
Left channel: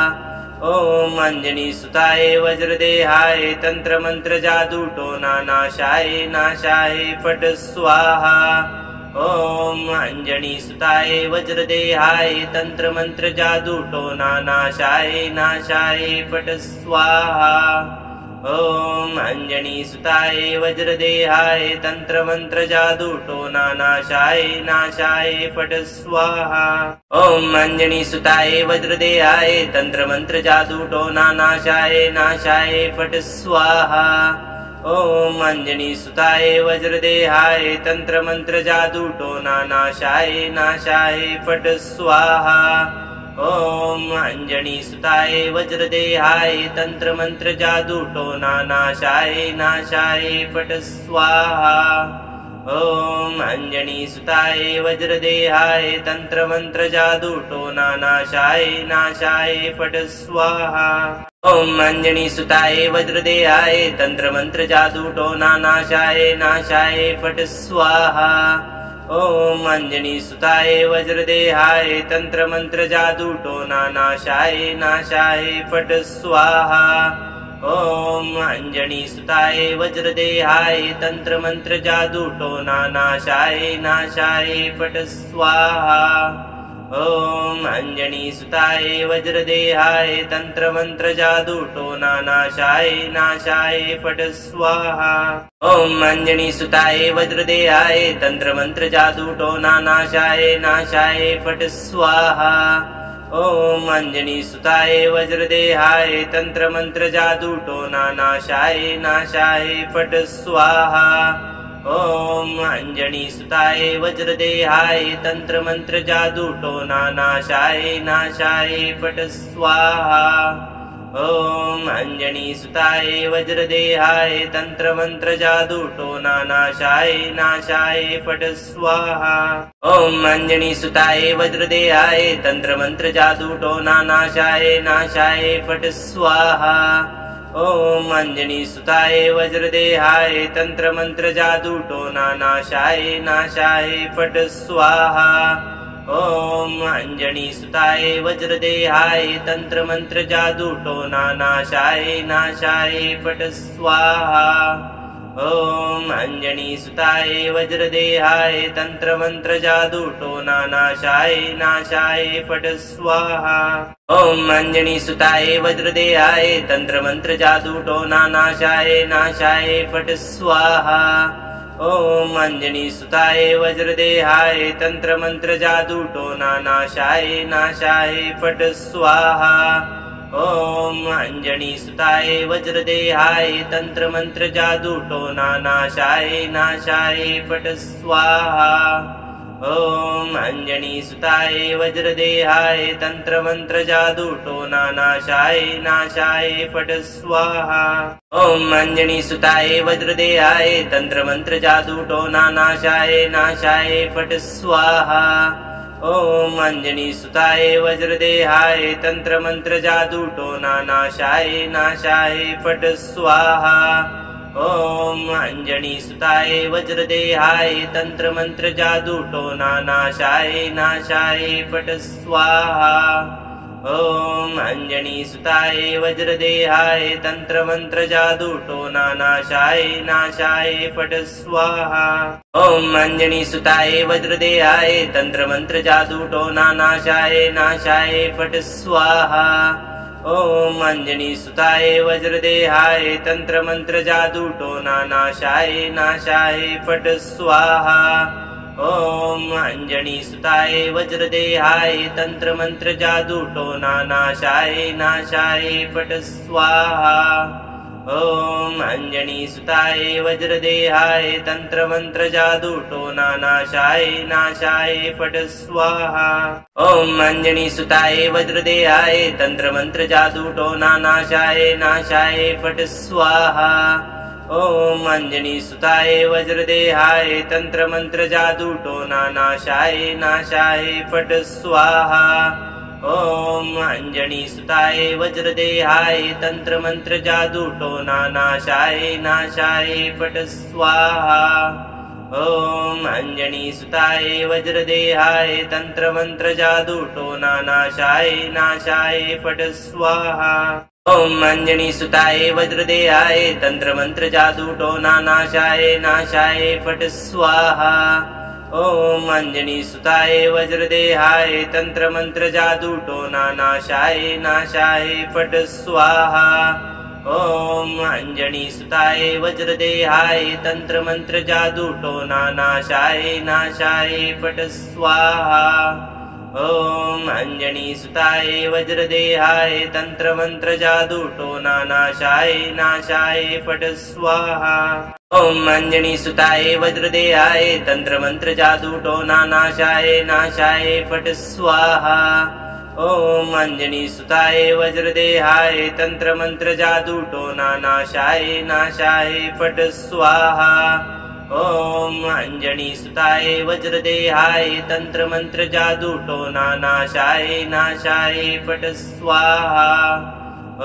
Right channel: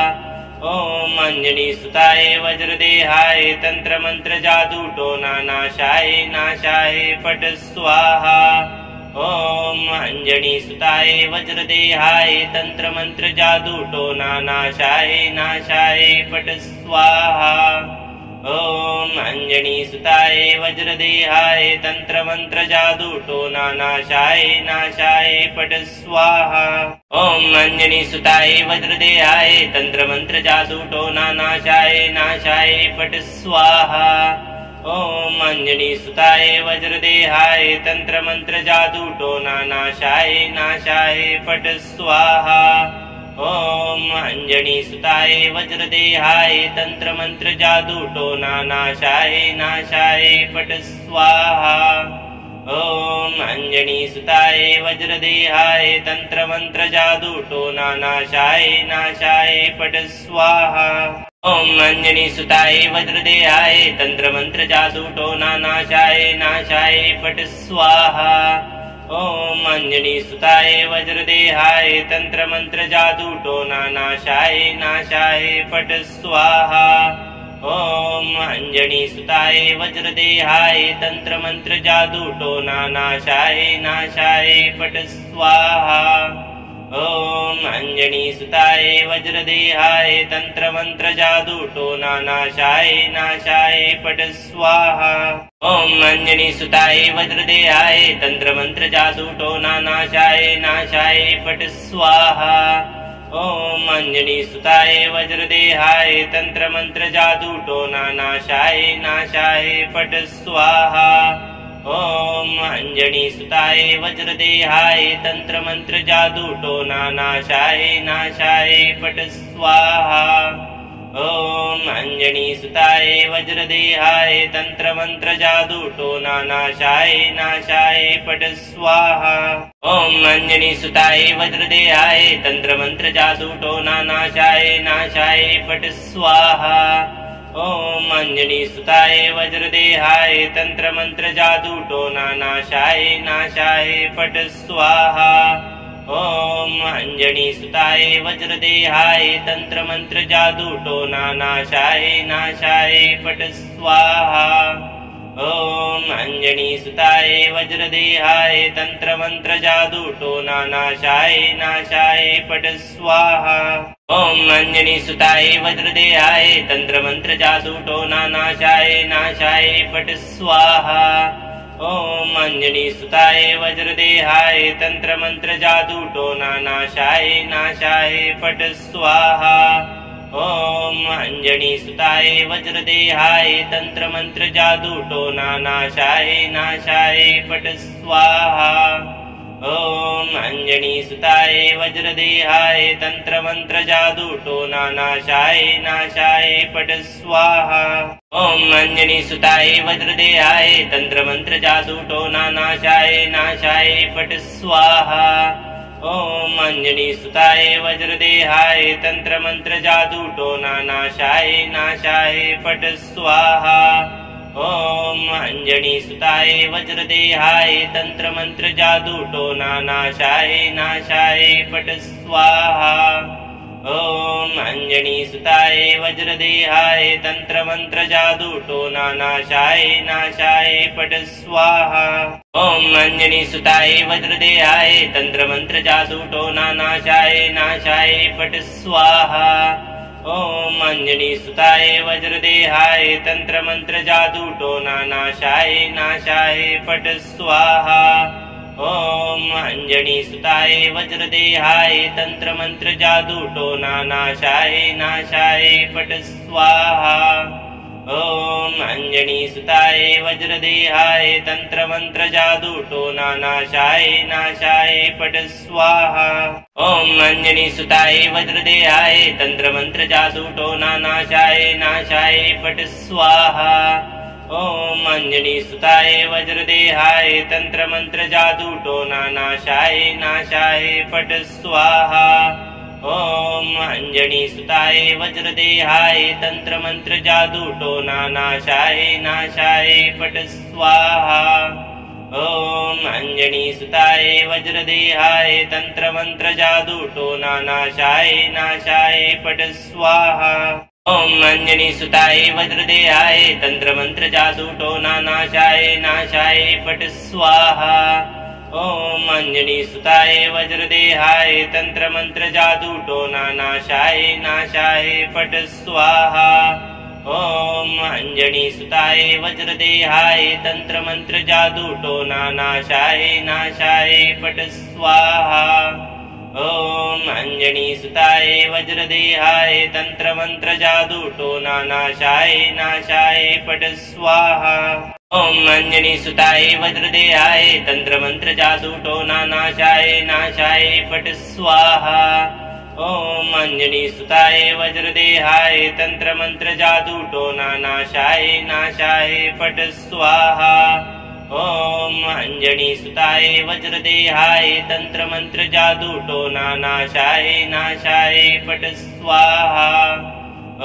ॐ अञ्जनीसुताय वज्रदेहाय तन्त्रमन्त्र जादूटोना नाशाय नाशाय फट् स्वाहा। ॐ अञ्जनीसुताय वज्रदेहाय तन्त्रमन्त्र जादूटोना नाशाय नाशाय फट् स्वाहा। ॐ अञ्जनीसुताय वज्रदेहाय तन्त्रमन्त्र जादूटोना नाशाय नाशाय फट् स्वाहा। ॐ अञ्जनीसुताय वज्रदेहाय तन्त्रमन्त्र जादूटोना नाशाय नाशाय फट् स्वाहा। ॐ अञ्जनीसुताय वज्रदेहाय तन्त्रमन्त्र जादूटोना नाशाय नाशाय फट् स्वाहा। ॐ अञ्जनीसुताय वज्रदेहाय तन्त्रमन्त्र जादूटोना नाशाय नाशाय फट् स्वाहा। ॐ अञ्जनीसुताय वज्रदेहाय तन्त्रमन्त्र जादूटोना नाशाय नाशाय फट् स्वाहा। ॐ अञ्जनीसुताय वज्रदेहाय तन्त्रमन्त्र जादूटोना नाशाय नाशाय फट् स्वाहा। ॐ अञ्जनीसुताय वज्रदेहाय तन्त्रमन्त्र जादूटोना नाशाय नाशाय फट् स्वाहा। ॐ अञ्जनीसुताय वज्रदेहाय तन्त्रमन्त्र जादूटोना नाशाय नाशाय फट् स्वाहा। ॐ अञ्जनीसुताय वज्रदेहाय तन्त्रमन्त्र जादूटोना नाशाय नाशाय फट् स्वाहा। ॐ अञ्जनीसुताय वज्रदेहाय तन्त्रमन्त्र जादूटोना नाशाय नाशाय फट् स्वाहा। ॐ अञ्जनीसुताय वज्रदेहाय तन्त्रमन्त्र जादूटोना नाशाय नाशाय फट् स्वाहा। ॐ अञ्जनीसुताय वज्रदेहाय तन्त्रमन्त्र जादूटोना नाशाय नाशाय फट् स्वाहा। ॐ अञ्जनीसुताय वज्रदेहाय तन्त्रमन्त्र जादूटोना नाशाय नाशाय फट् स्वाहा। ॐ अञ्जनीसुताय वज्रदेहाय तन्त्रमन्त्र जादूटोना नाशाय नाशाय फट् स्वाहा। ॐ अञ्जनीसुताय वज्रदेहाय तन्त्रमन्त्र जादूटोना नाशाय नाशाय फट् स्वाहा। ॐ अञ्जनीसुताय वज्रदेहाय तन्त्रमन्त्र जादूटोना नाशाय नाशाय फट् स्वाहा। ॐ अञ्जनीसुताय वज्रदेहाय तन्त्रमन्त्र जादूटोना नाशाय नाशाय फट् स्वाहा। ॐ अञ्जनीसुताय वज्रदेहाय तन्त्रमन्त्र जादूटोना नाशाय नाशाय फट् स्वाहा। ॐ अञ्जनीसुताय वज्रदेहाय तन्त्रमन्त्र जादूटोना नाशाय नाशाय फट् स्वाहा। ॐ अञ्जनीसुताय वज्रदेहाय तन्त्रमन्त्र जादूटोना नाशाय नाशाय फट् स्वाहा। ॐ अञ्जनीसुताय वज्रदेहाय तन्त्रमन्त्र जादूटोना नाशाय नाशाय फट् स्वाहा। ॐ अञ्जनीसुताय वज्रदेहाय तन्त्रमन्त्र जादूटोना नाशाय नाशाय फट् स्वाहा। ॐ अञ्जनीसुताय वज्रदेहाय तन्त्रमन्त्र जादूटोना नाशाय नाशाय फट् स्वाहा। ॐ अञ्जनीसुताय वज्रदेहाय तन्त्रमन्त्र जादूटोना नाशाय नाशाय फट् स्वाहा। ॐ अञ्जनीसुताय वज्रदेहाय तन्त्रमन्त्र जादूटोना नाशाय नाशाय फट् स्वाहा। ॐ अञ्जनीसुताय वज्रदेहाय तन्त्रमन्त्र जादूटोना नाशाय नाशाय फट् स्वाहा। ॐ अञ्जनीसुताय वज्रदेहाय तन्त्रमन्त्र जादूटोना नाशाय नाशाय फट् स्वाहा। ॐ अञ्जनीसुताय वज्रदेहाय तन्त्रमन्त्र जादूटोना नाशाय नाशाय फट् स्वाहा। ॐ अञ्जनीसुताय वज्रदेहाय तन्त्रमन्त्र जादूटोना नाशाय नाशाय फट् स्वाहा। ॐ अञ्जनीसुताय वज्रदेहाय तन्त्रमन्त्र जादूटोना नाशाय नाशाय फट् स्वाहा। ॐ अञ्जनीसुताय वज्रदेहाय तन्त्रमन्त्र जादूटोना नाशाय नाशाय फट् स्वाहा। ॐ अञ्जनीसुताय वज्रदेहाय तन्त्रमन्त्र जादूटोना नाशाय नाशाय फट् स्वाहा। ॐ अञ्जनीसुताय वज्रदेहाय तन्त्रमन्त्र जादूटोना नाशाय नाशाय फट् स्वाहा। ॐ अञ्जनीसुताय वज्रदेहाय तन्त्रमन्त्र जादूटोना नाशाय नाशाय फट् स्वाहा। ॐ अञ्जनीसुताय वज्रदेहाय तन्त्रमन्त्र जादूटोना नाशाय नाशाय फट् स्वाहा। ॐ अञ्जनीसुताय वज्रदेहाय तन्त्रमन्त्र जादूटोना नाशाय नाशाय फट् स्वाहा। ॐ अञ्जनीसुताय वज्रदेहाय तन्त्रमन्त्र जादूटोना नाशाय नाशाय फट् स्वाहा। ॐ अञ्जनीसुताय वज्रदेहाय तन्त्रमन्त्र जादूटोना नाशाय नाशाय फट् स्वाहा। ॐ अञ्जनीसुताय वज्रदेहाय तन्त्रमन्त्र जादूटोना नाशाय नाशाय फट् स्वाहा। ॐ अञ्जनीसुताय वज्रदेहाय तन्त्रमन्त्र जादूटोना नाशाय नाशाय फट् स्वाहा।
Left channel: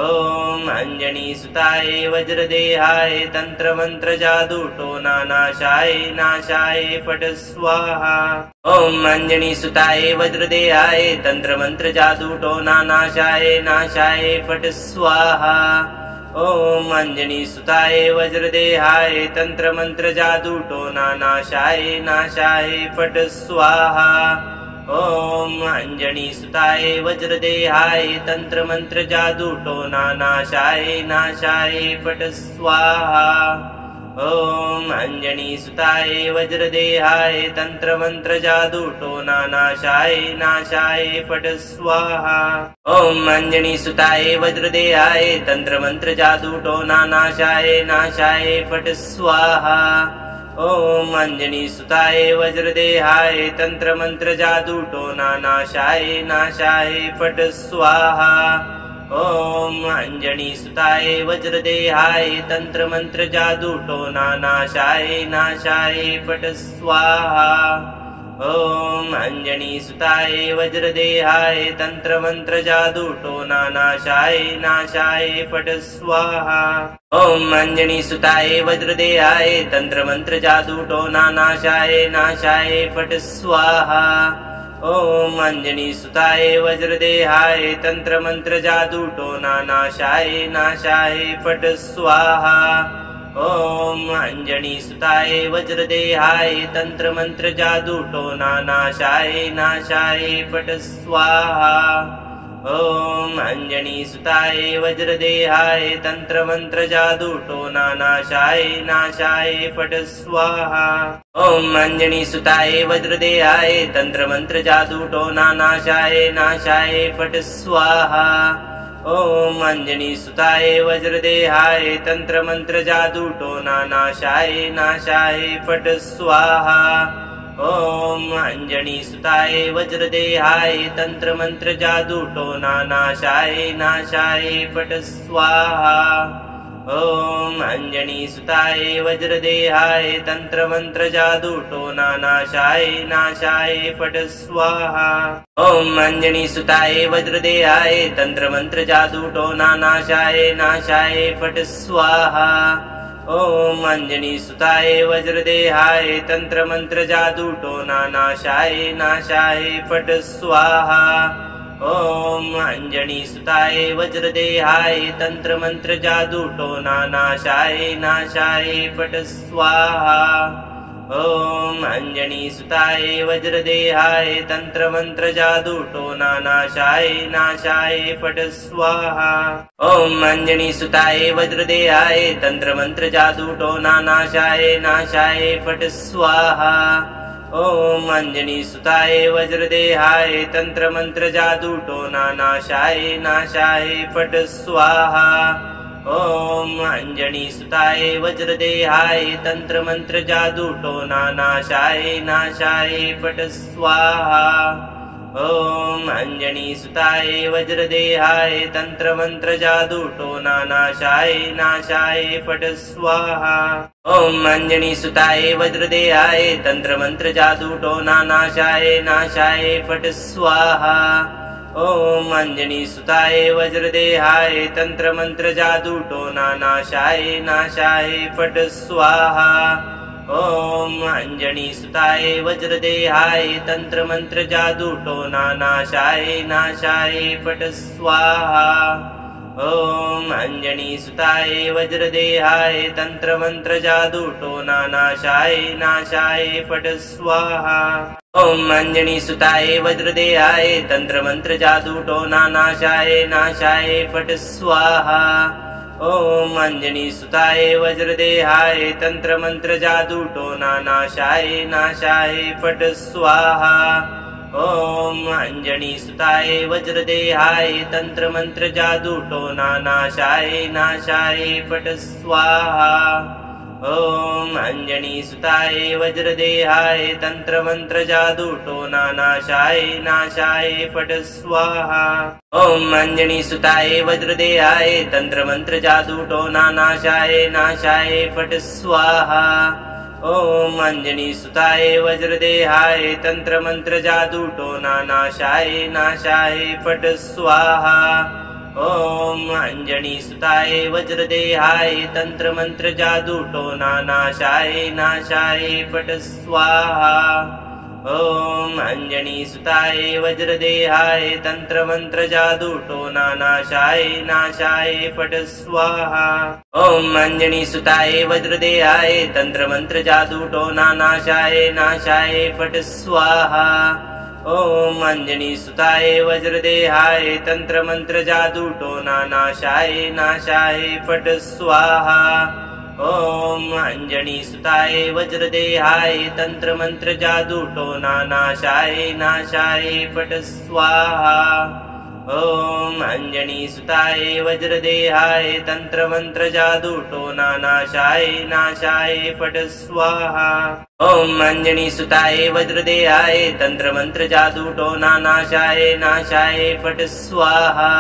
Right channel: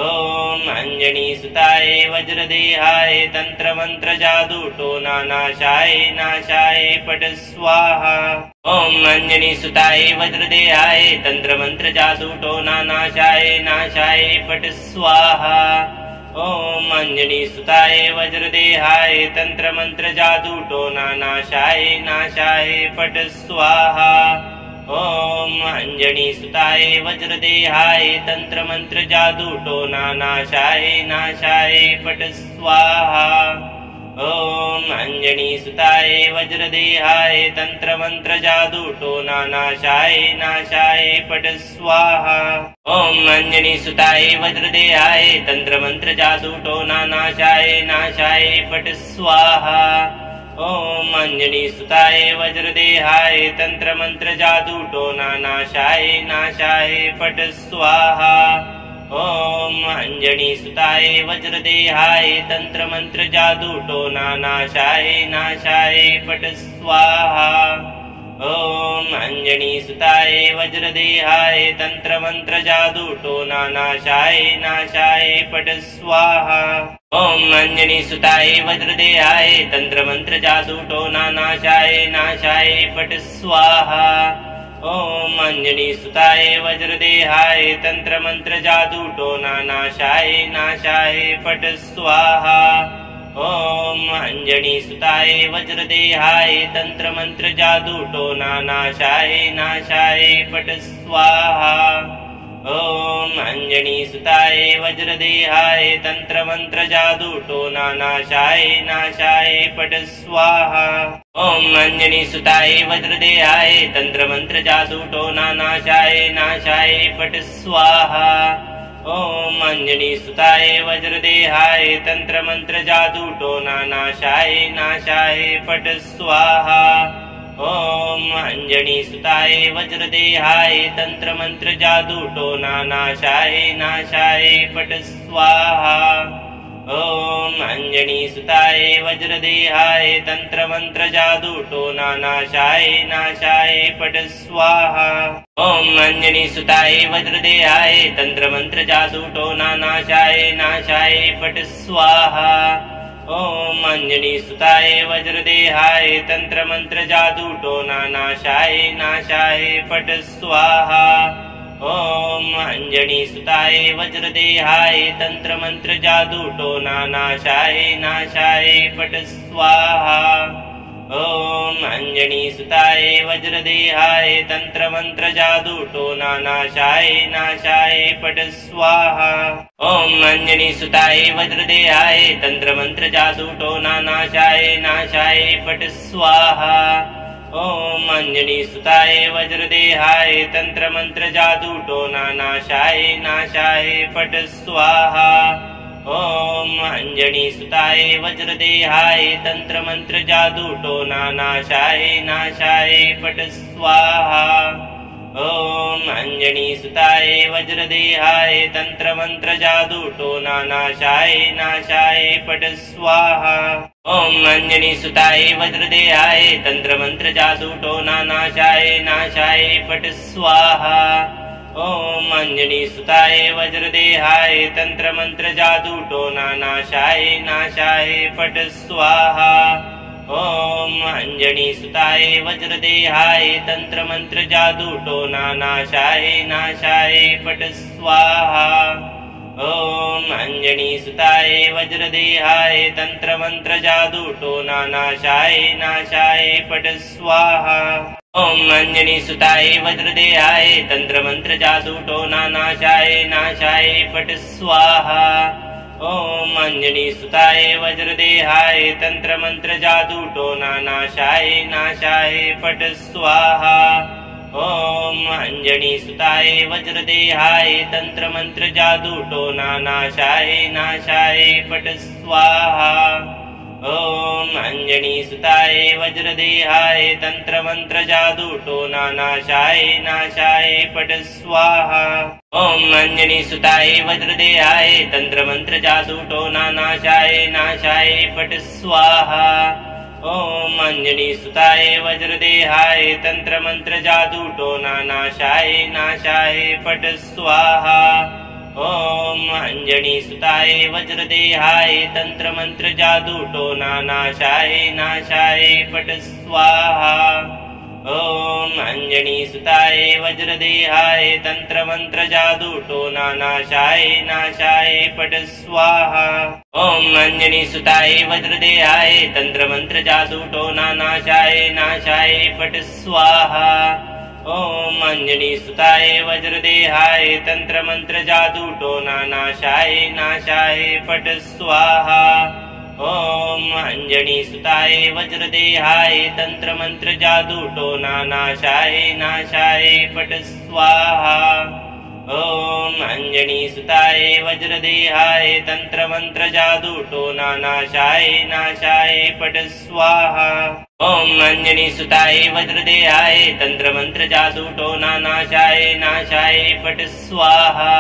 ॐ अञ्जनीसुताय वज्रदेहाय तन्त्रमन्त्र जादूटोना नाशाय नाशाय फट् स्वाहा। ॐ अञ्जनीसुताय वज्रदेहाय तन्त्रमन्त्र जादूटोना नाशाय नाशाय फट् स्वाहा। ॐ अंजनीसुताय वज्रदेहाय तंत्रमंत्र जादू टोना नाशाय नाशाय फट स्वाहा। ॐ अंजनीसुताय वज्रदेहाय तंत्रमंत्र जादू टोना नाशाय नाशाय फट स्वाहा। ॐ अंजनीसुताय वज्रदेहाय तंत्रमंत्र जादू टोना नाशाय नाशाय फट स्वाहा। ॐ अंजनीसुताय वज्रदेहाय तंत्रमंत्र जादू टोना नाशाय नाशाय फट स्वाहा। ॐ अंजनीसुताय वज्रदेहाय तंत्रमंत्र जादू टोना नाशाय नाशाय फट स्वाहा। ॐ अंजनीसुताय वज्रदेहाय तंत्रमंत्र जादू टोना नाशाय नाशाय फट स्वाहा। ॐ अंजनीसुताय वज्रदेहाय तंत्रमंत्र जादू टोना नाशाय नाशाय फट स्वाहा। ॐ अंजनीसुताय वज्रदेहाय तंत्रमंत्र जादू टोना नाशाय नाशाय फट स्वाहा। ॐ अंजनीसुताय वज्रदेहाय तंत्रमंत्र जादू टोना नाशाय नाशाय फट स्वाहा। ॐ अंजनीसुताय वज्रदेहाय तंत्रमंत्र जादू टोना नाशाय नाशाय फट स्वाहा। ॐ अंजनीसुताय वज्रदेहाय तंत्रमंत्र जादू टोना नाशाय नाशाय फट स्वाहा। ॐ अंजनीसुताय वज्रदेहाय तंत्रमंत्र जादू टोना नाशाय नाशाय फट स्वाहा। ॐ अंजनीसुताय वज्रदेहाय तंत्रमंत्र जादू टोना नाशाय नाशाय फट स्वाहा। ॐ अंजनीसुताय वज्रदेहाय तंत्रमंत्र जादू टोना नाशाय नाशाय फट स्वाहा। ॐ अंजनीसुताय वज्रदेहाय तंत्रमंत्र जादू टोना नाशाय नाशाय फट स्वाहा। ॐ अंजनीसुताय वज्रदेहाय तंत्रमंत्र जादू टोना नाशाय नाशाय फट स्वाहा। ॐ अंजनीसुताय वज्रदेहाय तंत्रमंत्र जादू टोना नाशाय नाशाय फट स्वाहा। ॐ अंजनीसुताय वज्रदेहाय तंत्रमंत्र जादू टोना नाशाय नाशाय फट स्वाहा। ॐ अंजनीसुताय वज्रदेहाय तंत्रमंत्र जादू टोना नाशाय नाशाय फट स्वाहा। ॐ अंजनीसुताय वज्रदेहाय तंत्रमंत्र जादू टोना नाशाय नाशाय फट स्वाहा। ॐ अंजनीसुताय वज्रदेहाय तंत्रमंत्र जादू टोना नाशाय नाशाय फट स्वाहा। ॐ अंजनीसुताय वज्रदेहाय तंत्रमंत्र जादू टोना नाशाय नाशाय फट स्वाहा। ॐ अंजनीसुताय वज्रदेहाय तंत्रमंत्र जादू टोना नाशाय नाशाय फट स्वाहा। ॐ अंजनीसुताय वज्रदेहाय तंत्रमंत्र जादू टोना नाशाय नाशाय फट स्वाहा। ॐ अंजनीसुताय वज्रदेहाय तंत्रमंत्र जादू टोना नाशाय नाशाय फट स्वाहा। ॐ अंजनीसुताय वज्रदेहाय तंत्रमंत्र जादू टोना नाशाय नाशाय फट स्वाहा। ॐ अंजनीसुताय वज्रदेहाय तंत्रमंत्र जादू टोना नाशाय नाशाय फट स्वाहा। ॐ अंजनीसुताय वज्रदेहाय तंत्रमंत्र जादू टोना नाशाय नाशाय फट स्वाहा। ॐ अंजनीसुताय वज्रदेहाय तंत्रमंत्र जादू टोना नाशाय नाशाय फट स्वाहा। ॐ अंजनीसुताय वज्रदेहाय तंत्रमंत्र जादू टोना नाशाय नाशाय फट स्वाहा। ॐ अंजनीसुताय वज्रदेहाय तंत्रमंत्र जादू टोना नाशाय नाशाय फट स्वाहा। ॐ अंजनीसुताय वज्रदेहाय तंत्रमंत्र जादू टोना नाशाय नाशाय फट स्वाहा। ॐ अंजनीसुताय वज्रदेहाय तंत्रमंत्र जादू टोना नाशाय नाशाय फट स्वाहा। ॐ अंजनीसुताय वज्रदेहाय तंत्रमंत्र जादू टोना नाशाय नाशाय फट स्वाहा। ॐ अञ्जनीसुताय वज्रदेहाय तन्त्रमन्त्र जादूटोना नाशाय नाशाय फट् स्वाहा। ॐ अञ्जनीसुताय वज्रदेहाय तन्त्रमन्त्र जादूटोना नाशाय नाशाय फट् स्वाहा। ॐ अञ्जनीसुताय वज्रदेहाय तन्त्रमन्त्र जादूटोना नाशाय नाशाय फट् स्वाहा। ॐ अञ्जनीसुताय वज्रदेहाय तन्त्रमन्त्र जादूटोना नाशाय नाशाय फट् स्वाहा। ॐ अञ्जनीसुताय वज्रदेहाय तन्त्रमन्त्र जादूटोना नाशाय नाशाय फट् स्वाहा। ॐ अञ्जनीसुताय वज्रदेहाय तन्त्रमन्त्र जादूटोना नाशाय नाशाय फट् स्वाहा।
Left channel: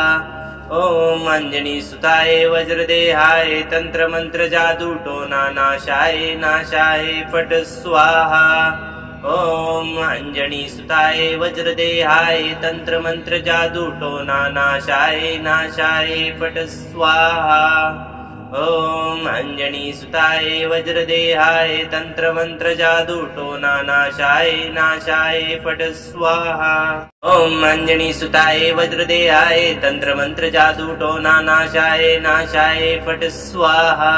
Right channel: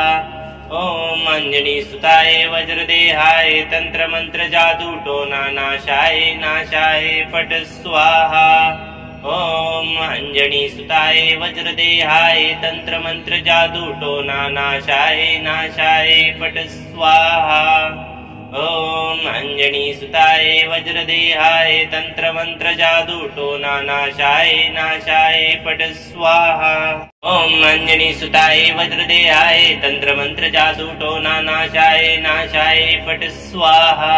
ॐ अञ्जनीसुताय वज्रदेहाय तन्त्रमन्त्र जादूटोना नाशाय नाशाय फट् स्वाहा। ॐ अञ्जनीसुताय वज्रदेहाय तन्त्रमन्त्र जादूटोना नाशाय नाशाय फट् स्वाहा। ॐ अञ्जनीसुताय वज्रदेहाय तन्त्रमन्त्र जादूटोना नाशाय नाशाय फट् स्वाहा। ॐ अञ्जनीसुताय वज्रदेहाय तन्त्रमन्त्र जादूटोना नाशाय नाशाय फट् स्वाहा।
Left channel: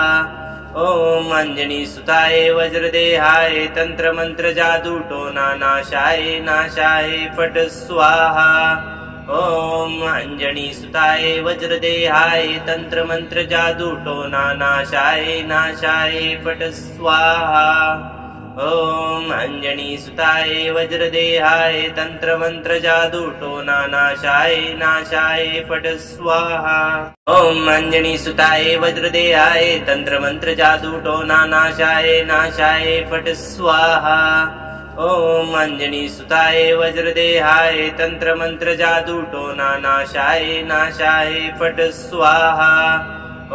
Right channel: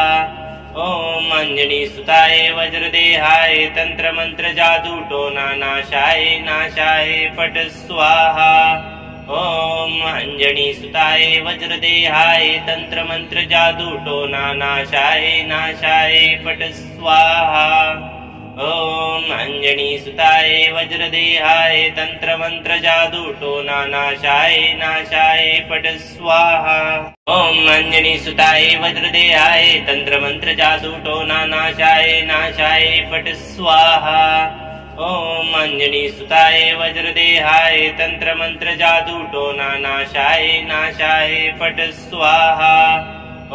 ॐ अञ्जनीसुताय वज्रदेहाय तन्त्रमन्त्र जादूटोना नाशाय नाशाय फट् स्वाहा। ॐ अञ्जनीसुताय वज्रदेहाय तन्त्रमन्त्र जादूटोना नाशाय नाशाय फट् स्वाहा। ॐ अञ्जनीसुताय वज्रदेहाय तन्त्रमन्त्र जादूटोना नाशाय नाशाय फट् स्वाहा। ॐ अञ्जनीसुताय वज्रदेहाय तन्त्रमन्त्र जादूटोना नाशाय नाशाय फट् स्वाहा। ॐ अञ्जनीसुताय वज्रदेहाय तन्त्रमन्त्र जादूटोना नाशाय नाशाय फट् स्वाहा।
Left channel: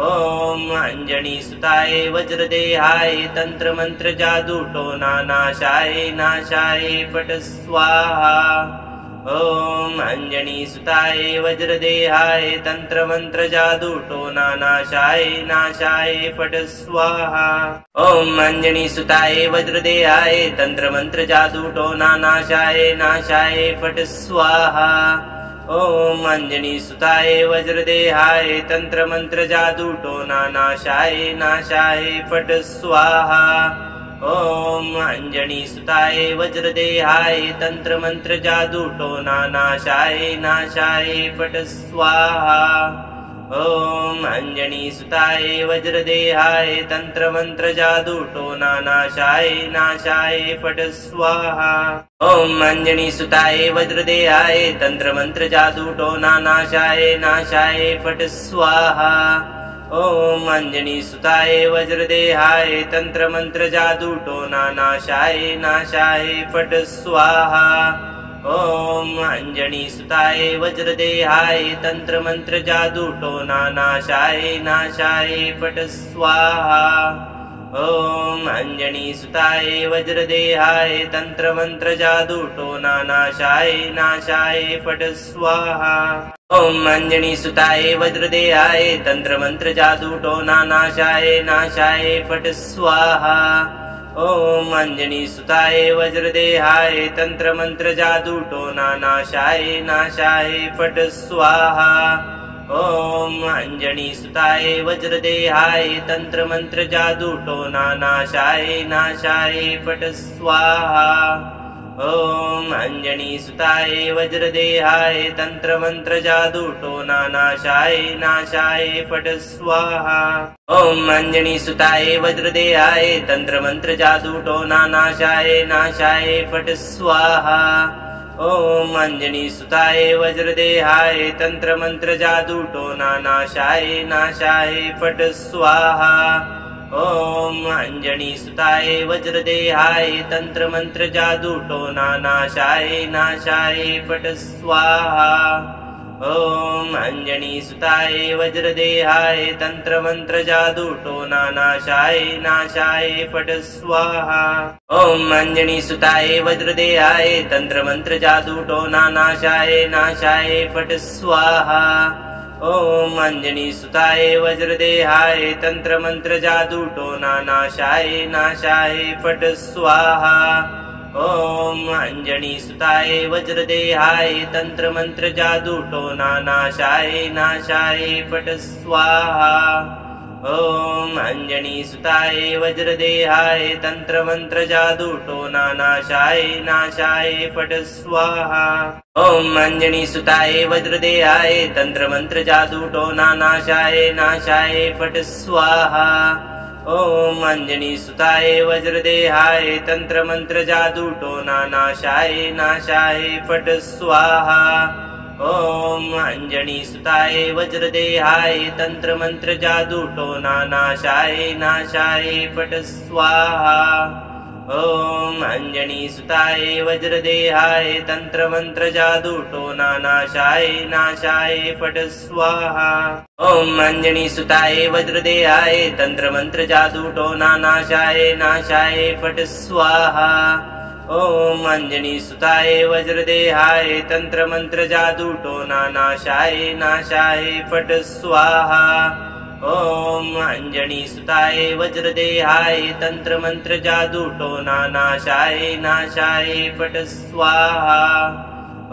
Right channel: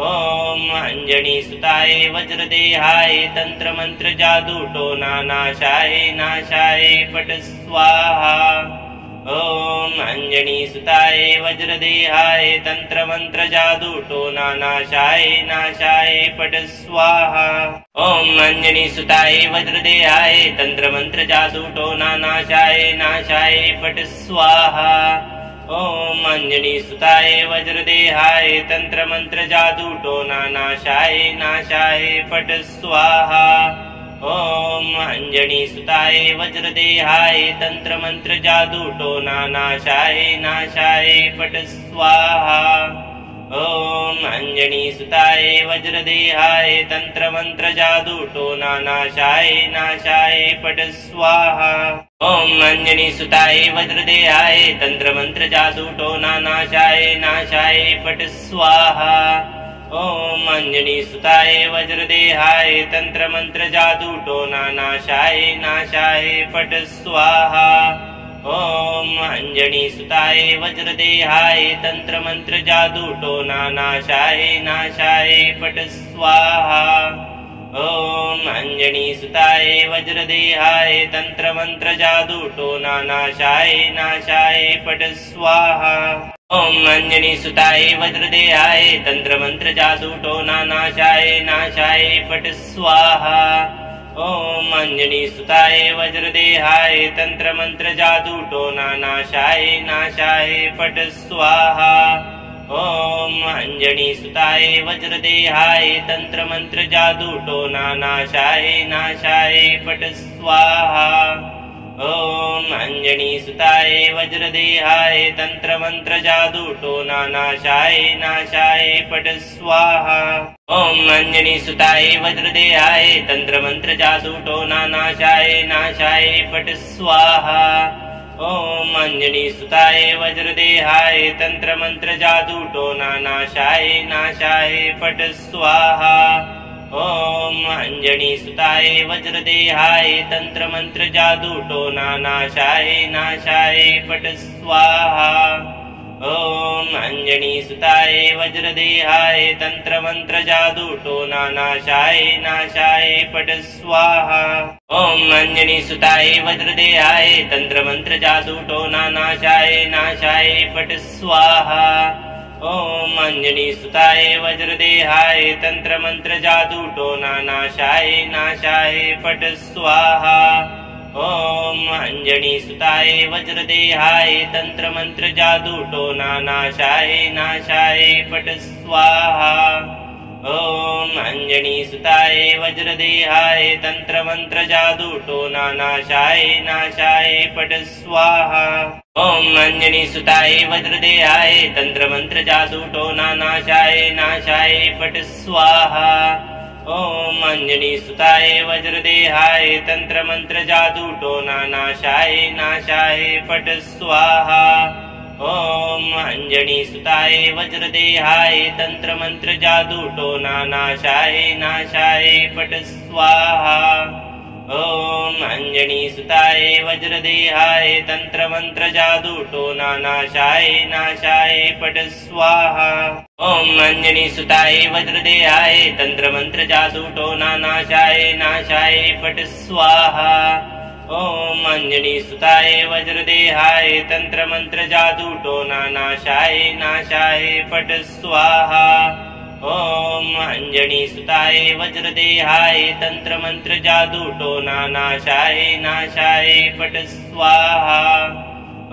ॐ अञ्जनीसुताय वज्रदेहाय तन्त्रमन्त्र जादूटोना नाशाय नाशाय फट् स्वाहा। ॐ अञ्जनीसुताय वज्रदेहाय तन्त्रमन्त्र जादूटोना नाशाय नाशाय फट् स्वाहा। ॐ अञ्जनीसुताय वज्रदेहाय तन्त्रमन्त्र जादूटोना नाशाय नाशाय फट् स्वाहा। ॐ अञ्जनीसुताय वज्रदेहाय तन्त्रमन्त्र जादूटोना नाशाय नाशाय फट् स्वाहा। ॐ अञ्जनीसुताय वज्रदेहाय तन्त्रमन्त्र जादूटोना नाशाय नाशाय फट् स्वाहा। ॐ अञ्जनीसुताय वज्रदेहाय तन्त्रमन्त्र जादूटोना नाशाय नाशाय फट् स्वाहा। ॐ अञ्जनीसुताय वज्रदेहाय तन्त्रमन्त्र जादूटोना नाशाय नाशाय फट् स्वाहा। ॐ अञ्जनीसुताय वज्रदेहाय तन्त्रमन्त्र जादूटोना नाशाय नाशाय फट् स्वाहा। ॐ अञ्जनीसुताय वज्रदेहाय तन्त्रमन्त्र जादूटोना नाशाय नाशाय फट् स्वाहा। ॐ अञ्जनीसुताय वज्रदेहाय तन्त्रमन्त्र जादूटोना नाशाय नाशाय फट् स्वाहा। ॐ अञ्जनीसुताय वज्रदेहाय तन्त्रमन्त्र जादूटोना नाशाय नाशाय फट् स्वाहा। ॐ अञ्जनीसुताय वज्रदेहाय तन्त्रमन्त्र जादूटोना नाशाय नाशाय फट् स्वाहा। ॐ अञ्जनीसुताय वज्रदेहाय तन्त्रमन्त्र जादूटोना नाशाय नाशाय फट् स्वाहा। ॐ अञ्जनीसुताय वज्रदेहाय तन्त्रमन्त्र जादूटोना नाशाय नाशाय फट् स्वाहा। ॐ अञ्जनीसुताय वज्रदेहाय तन्त्रमन्त्र जादूटोना नाशाय नाशाय फट् स्वाहा। ॐ अञ्जनीसुताय वज्रदेहाय तन्त्रमन्त्र जादूटोना नाशाय नाशाय फट् स्वाहा। ॐ अञ्जनीसुताय वज्रदेहाय तन्त्रमन्त्र जादूटोना नाशाय नाशाय फट् स्वाहा। ॐ अञ्जनीसुताय वज्रदेहाय तन्त्रमन्त्र जादूटोना नाशाय नाशाय फट् स्वाहा। ॐ अञ्जनीसुताय वज्रदेहाय तन्त्रमन्त्र जादूटोना नाशाय नाशाय फट् स्वाहा। ॐ अञ्जनीसुताय वज्रदेहाय तन्त्रमन्त्र जादूटोना नाशाय नाशाय फट् स्वाहा। ओम अंजनी सुताय वज्रदेहाय तंत्र मंत्र जादू टोना नाशाय नाशाय पट स्वाहा। ओम अंजनी सुताय वज्रदेहाय तंत्र मंत्र जादू टोना नाशाय नाशाय पट स्वाहा। ओम अंजनी सुताय वज्रदेहाय तंत्र मंत्र जादू टोना नाशाय नाशाय पट स्वाहा। ओम अंजनी सुताय वज्रदेहाय तंत्र मंत्र जादू टोना नाशाय नाशाय पट स्वाहा। ओम अंजनी सुताय वज्रदेहाय तंत्र मंत्र जादू टोना नाशाय नाशाय पट स्वाहा। ओम अंजनी सुताय वज्रदेहाय तंत्र मंत्र जादू टोना नाशाय नाशाय पट स्वाहा। ओम अंजनी सुताय वज्रदेहाय तंत्र मंत्र जादू टोना नाशाय नाशाय पट स्वाहा। ओम अंजनी सुताय वज्रदेहाय तंत्र मंत्र जादू टोना नाशाय नाशाय पट स्वाहा। ओम अंजनी सुताय वज्रदेहाय तंत्र मंत्र जादू टोना नाशाय नाशाय पट स्वाहा।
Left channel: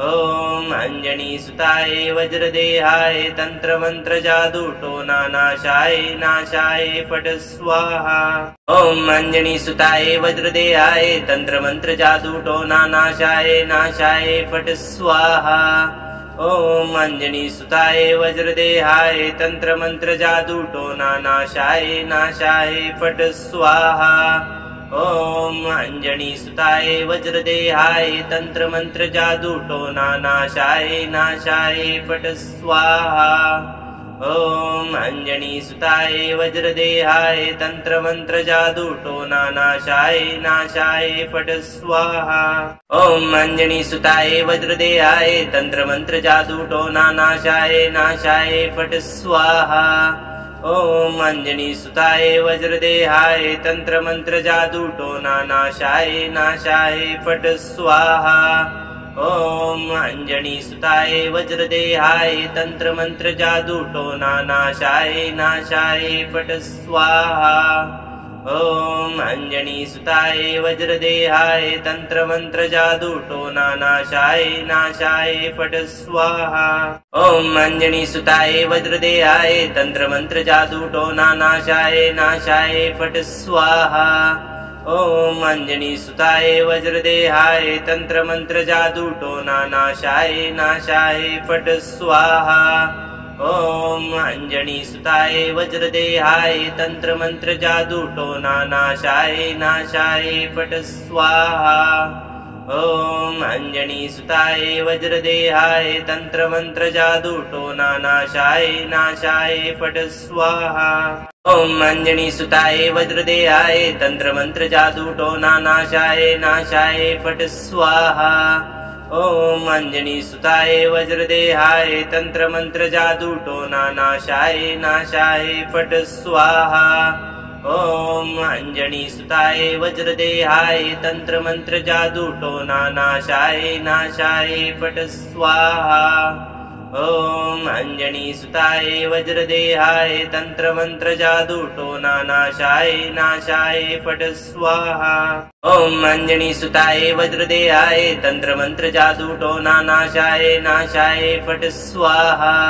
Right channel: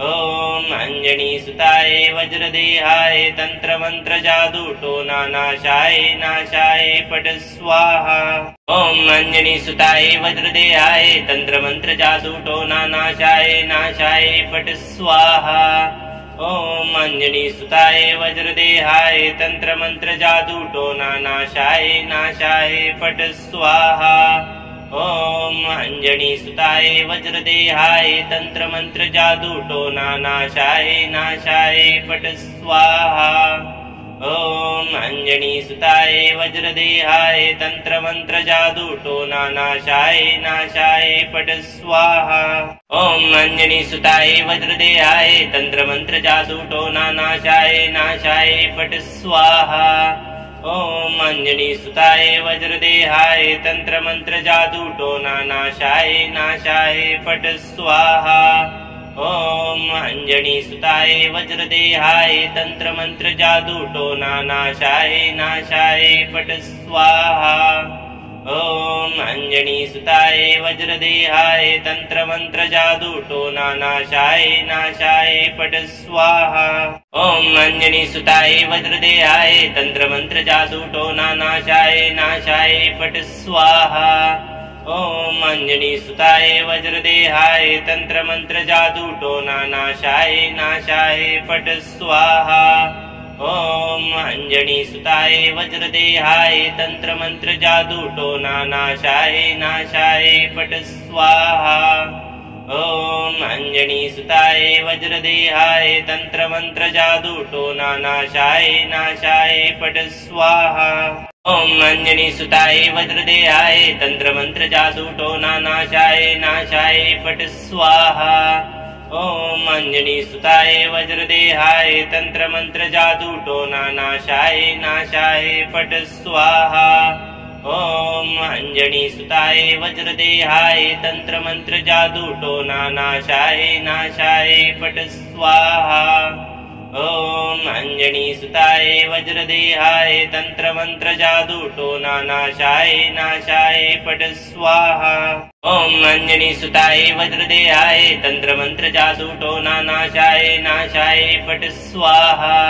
ओम अंजनी सुताय वज्रदेहाय तंत्र मंत्र जादू टोना नाशाय नाशाय पट स्वाहा। ओम अंजनी सुताय वज्रदेहाय तंत्र मंत्र जादू टोना नाशाय नाशाय पट स्वाहा। ओम अंजनी सुताय वज्रदेहाय तंत्र मंत्र जादू टोना नाशाय नाशाय पट स्वाहा। ओम अंजनी सुताय वज्रदेहाय तंत्र मंत्र जादू टोना नाशाय नाशाय पट स्वाहा। ओम अंजनी सुताय वज्रदेहाय तंत्र मंत्र जादू टोना नाशाय नाशाय पट स्वाहा। ओम अंजनी सुताय वज्रदेहाय तंत्र मंत्र जादू टोना नाशाय नाशाय पट स्वाहा। ओम अंजनी सुताय वज्रदेहाय तंत्र मंत्र जादू टोना नाशाय नाशाय पट स्वाहा। ओम अंजनी सुताय वज्रदेहाय तंत्र मंत्र जादू टोना नाशाय नाशाय पट स्वाहा। ओम अंजनी सुताय वज्रदेहाय तंत्र मंत्र जादू टोना नाशाय नाशाय पट स्वाहा। ओम अंजनी सुताय वज्रदेहाय तंत्र मंत्र जादू टोना नाशाय नाशाय पट स्वाहा। ओम अंजनी सुताय वज्रदेहाय तंत्र मंत्र जादू टोना नाशाय नाशाय पट स्वाहा। ओम अंजनी सुताय वज्रदेहाय तंत्र मंत्र जादू टोना नाशाय नाशाय पट स्वाहा। ओम अंजनी सुताय वज्रदेहाय तंत्र मंत्र जादू टोना नाशाय नाशाय पट स्वाहा। ओम अंजनी सुताय वज्रदेहाय तंत्र मंत्र जादू टोना नाशाय नाशाय पट स्वाहा। ओम अंजनी सुताय वज्रदेहाय तंत्र मंत्र जादू टोना नाशाय नाशाय पट स्वाहा। ओम अंजनी सुताय वज्रदेहाय तंत्र मंत्र जादू टोना नाशाय नाशाय पट स्वाहा। ओम अंजनी सुताय वज्रदेहाय तंत्र मंत्र जादू टोना नाशाय नाशाय पट स्वाहा। ओम अंजनी सुताय वज्रदेहाय तंत्र मंत्र जादू टोना नाशाय नाशाय पट स्वाहा।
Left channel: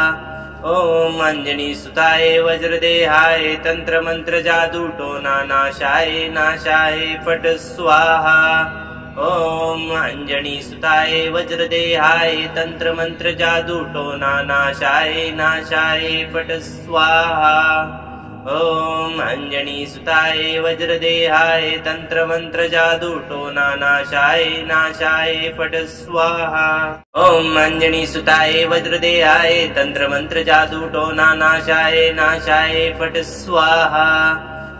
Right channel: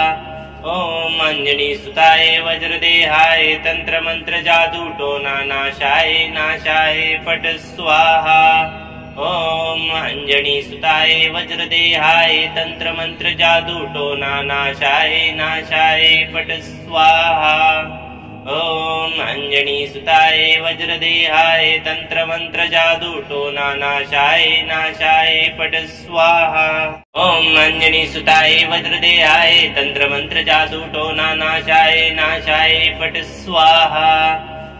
ओम अंजनी सुताय वज्रदेहाय तंत्र मंत्र जादू टोना नाशाय नाशाय पट स्वाहा। ओम अंजनी सुताय वज्रदेहाय तंत्र मंत्र जादू टोना नाशाय नाशाय पट स्वाहा। ओम अंजनी सुताय वज्रदेहाय तंत्र मंत्र जादू टोना नाशाय नाशाय पट स्वाहा। ओम अंजनी सुताय वज्रदेहाय तंत्र मंत्र जादू टोना नाशाय नाशाय पट स्वाहा।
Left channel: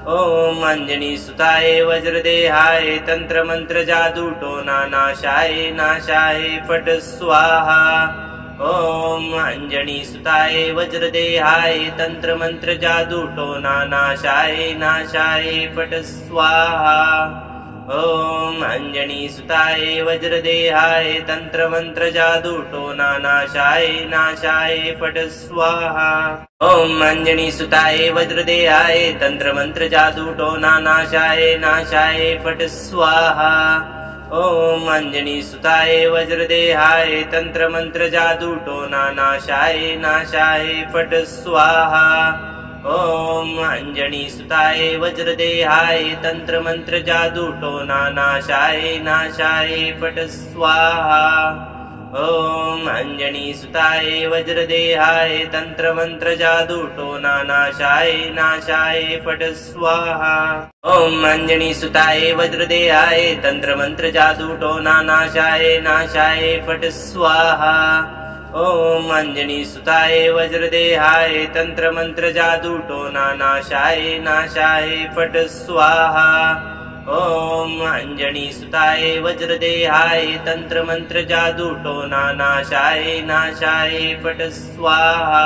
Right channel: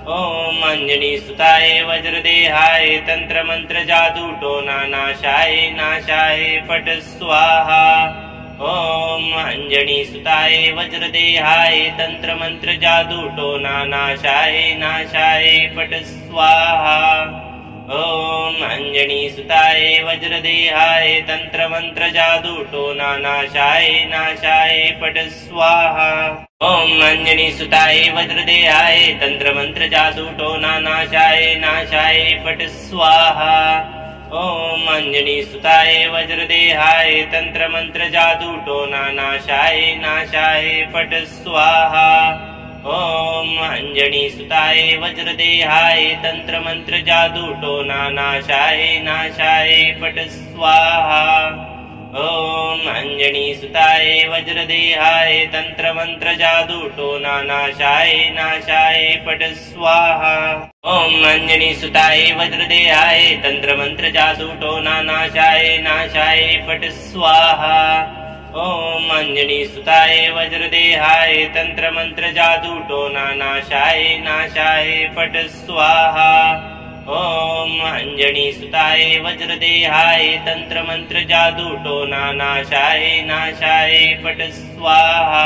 ओम अंजनी सुताय वज्रदेहाय तंत्र मंत्र जादू टोना नाशाय नाशाय पट स्वाहा। ओम अंजनी सुताय वज्रदेहाय तंत्र मंत्र जादू टोना नाशाय नाशाय पट स्वाहा। ओम अंजनी सुताय वज्रदेहाय तंत्र मंत्र जादू टोना नाशाय नाशाय पट स्वाहा। ओम अंजनी सुताय वज्रदेहाय तंत्र मंत्र जादू टोना नाशाय नाशाय पट स्वाहा। ॐ अंजनीसुताय वज्रदेहाय तंत्रमंत्र जादू टोना नाशाय नाशाय फट स्वाहा। ॐ अंजनीसुताय वज्रदेहाय तंत्रमंत्र जादू टोना नाशाय नाशाय फट स्वाहा। ॐ अंजनीसुताय वज्रदेहाय तंत्रमंत्र जादू टोना नाशाय नाशाय फट स्वाहा। ॐ अंजनीसुताय वज्रदेहाय तंत्रमंत्र जादू टोना नाशाय नाशाय फट स्वाहा। ॐ अंजनीसुताय वज्रदेहाय तंत्रमंत्र जादू टोना नाशाय नाशाय फट स्वाहा। ॐ अंजनीसुताय वज्रदेहाय तंत्रमंत्र जादू टोना नाशाय नाशाय फट स्वाहा।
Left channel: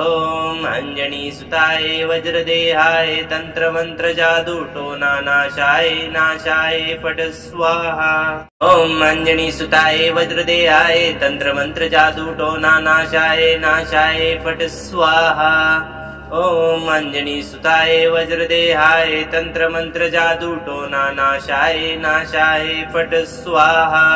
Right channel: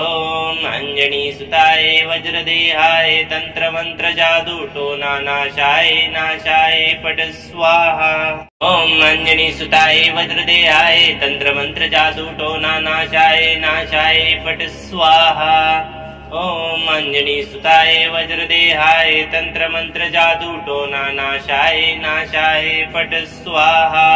ॐ अंजनीसुताय वज्रदेहाय तंत्रमंत्र जादू टोना नाशाय नाशाय फट स्वाहा। ॐ अंजनीसुताय वज्रदेहाय तंत्रमंत्र जादू टोना नाशाय नाशाय फट स्वाहा। ॐ अंजनीसुताय वज्रदेहाय तंत्रमंत्र जादू टोना नाशाय नाशाय फट स्वाहा।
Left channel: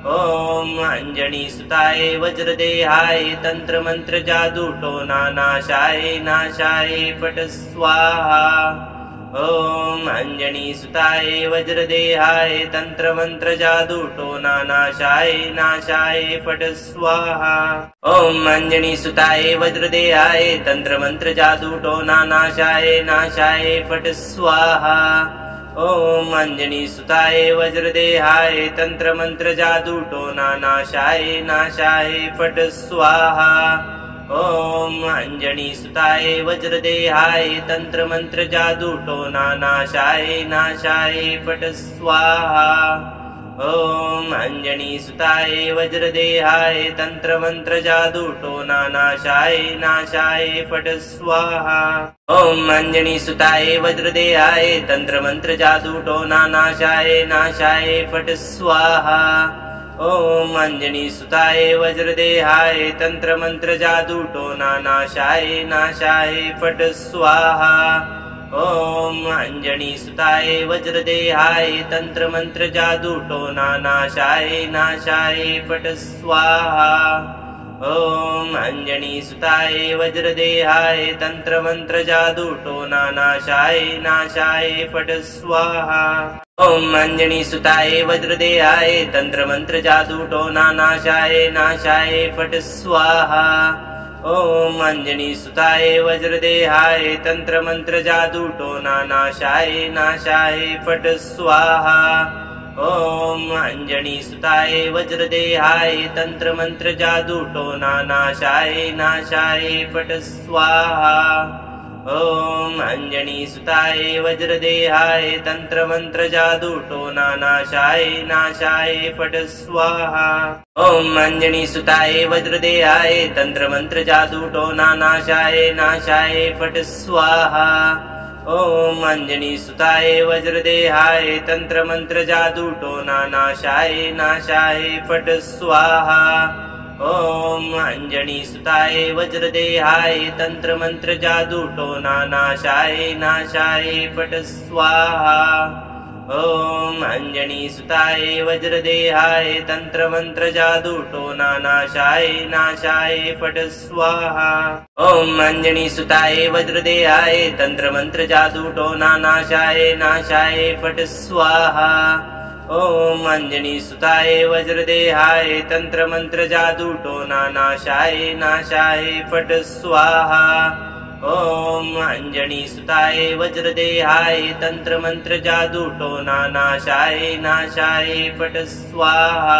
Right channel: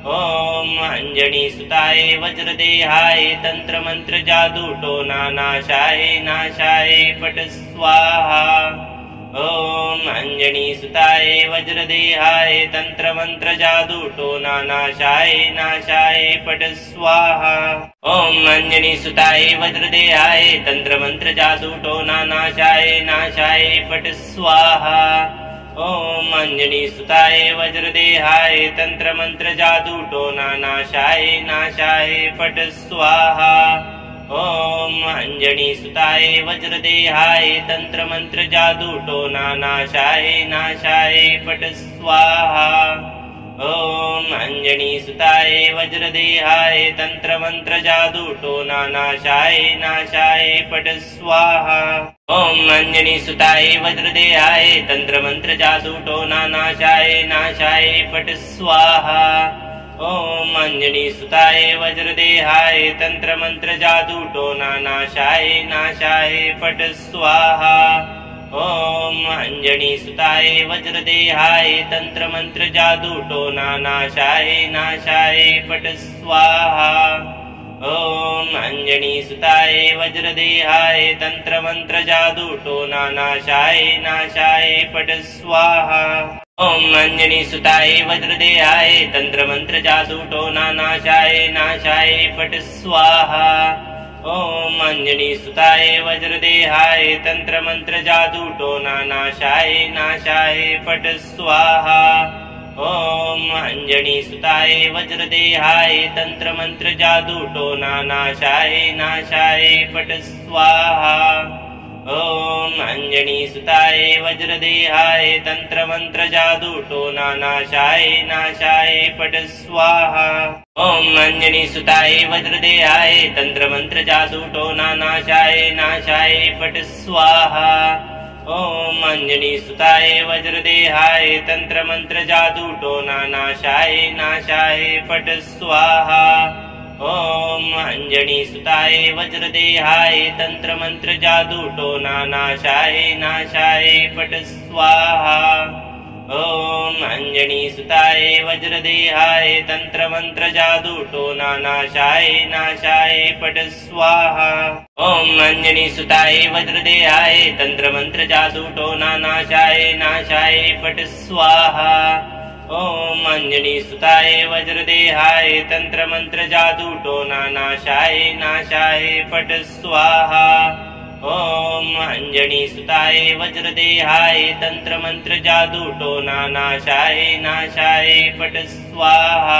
ॐ अंजनीसुताय वज्रदेहाय तंत्रमंत्र जादू टोना नाशाय नाशाय फट स्वाहा। ॐ अंजनीसुताय वज्रदेहाय तंत्रमंत्र जादू टोना नाशाय नाशाय फट स्वाहा। ॐ अंजनीसुताय वज्रदेहाय तंत्रमंत्र जादू टोना नाशाय नाशाय फट स्वाहा। ॐ अंजनीसुताय वज्रदेहाय तंत्रमंत्र जादू टोना नाशाय नाशाय फट स्वाहा। ॐ अंजनीसुताय वज्रदेहाय तंत्रमंत्र जादू टोना नाशाय नाशाय फट स्वाहा। ॐ अंजनीसुताय वज्रदेहाय तंत्रमंत्र जादू टोना नाशाय नाशाय फट स्वाहा। ॐ अंजनीसुताय वज्रदेहाय तंत्रमंत्र जादू टोना नाशाय नाशाय फट स्वाहा। ॐ अंजनीसुताय वज्रदेहाय तंत्रमंत्र जादू टोना नाशाय नाशाय फट स्वाहा। ॐ अंजनीसुताय वज्रदेहाय तंत्रमंत्र जादू टोना नाशाय नाशाय फट स्वाहा। ॐ अंजनीसुताय वज्रदेहाय तंत्रमंत्र जादू टोना नाशाय नाशाय फट स्वाहा। ॐ अंजनीसुताय वज्रदेहाय तंत्रमंत्र जादू टोना नाशाय नाशाय फट स्वाहा। ॐ अंजनीसुताय वज्रदेहाय तंत्रमंत्र जादू टोना नाशाय नाशाय फट स्वाहा। ॐ अंजनीसुताय वज्रदेहाय तंत्रमंत्र जादू टोना नाशाय नाशाय फट स्वाहा। ॐ अंजनीसुताय वज्रदेहाय तंत्रमंत्र जादू टोना नाशाय नाशाय फट स्वाहा। ॐ अंजनीसुताय वज्रदेहाय तंत्रमंत्र जादू टोना नाशाय नाशाय फट स्वाहा। ॐ अंजनीसुताय वज्रदेहाय तंत्रमंत्र जादू टोना नाशाय नाशाय फट स्वाहा। ॐ अंजनीसुताय वज्रदेहाय तंत्रमंत्र जादू टोना नाशाय नाशाय फट स्वाहा। ॐ अंजनीसुताय वज्रदेहाय तंत्रमंत्र जादू टोना नाशाय नाशाय फट स्वाहा। ॐ अंजनीसुताय वज्रदेहाय तंत्रमंत्र जादू टोना नाशाय नाशाय फट स्वाहा। ॐ अंजनीसुताय वज्रदेहाय तंत्रमंत्र जादू टोना नाशाय नाशाय फट स्वाहा। ॐ अंजनीसुताय वज्रदेहाय तंत्रमंत्र जादू टोना नाशाय नाशाय फट स्वाहा।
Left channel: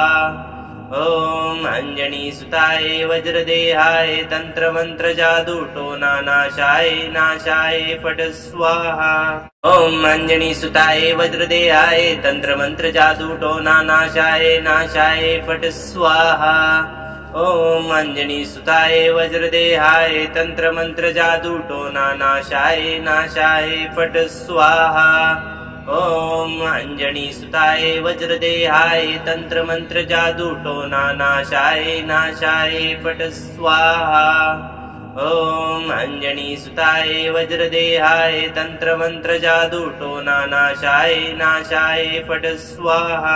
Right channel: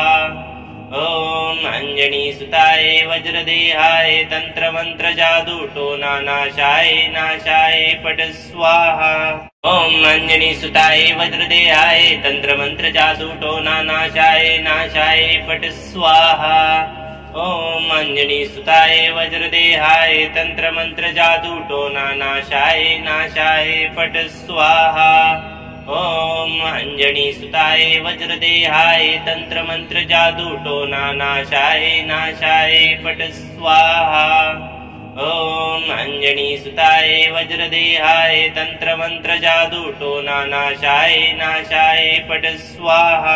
ॐ अंजनीसुताय वज्रदेहाय तंत्रमंत्र जादू टोना नाशाय नाशाय फट स्वाहा। ॐ अंजनीसुताय वज्रदेहाय तंत्रमंत्र जादू टोना नाशाय नाशाय फट स्वाहा। ॐ अंजनीसुताय वज्रदेहाय तंत्रमंत्र जादू टोना नाशाय नाशाय फट स्वाहा। ॐ अंजनीसुताय वज्रदेहाय तंत्रमंत्र जादू टोना नाशाय नाशाय फट स्वाहा। ॐ अञ्जनीसुताय वज्रदेहाय तन्त्रमन्त्र जादूटोना नाशाय नाशाय फट् स्वाहा।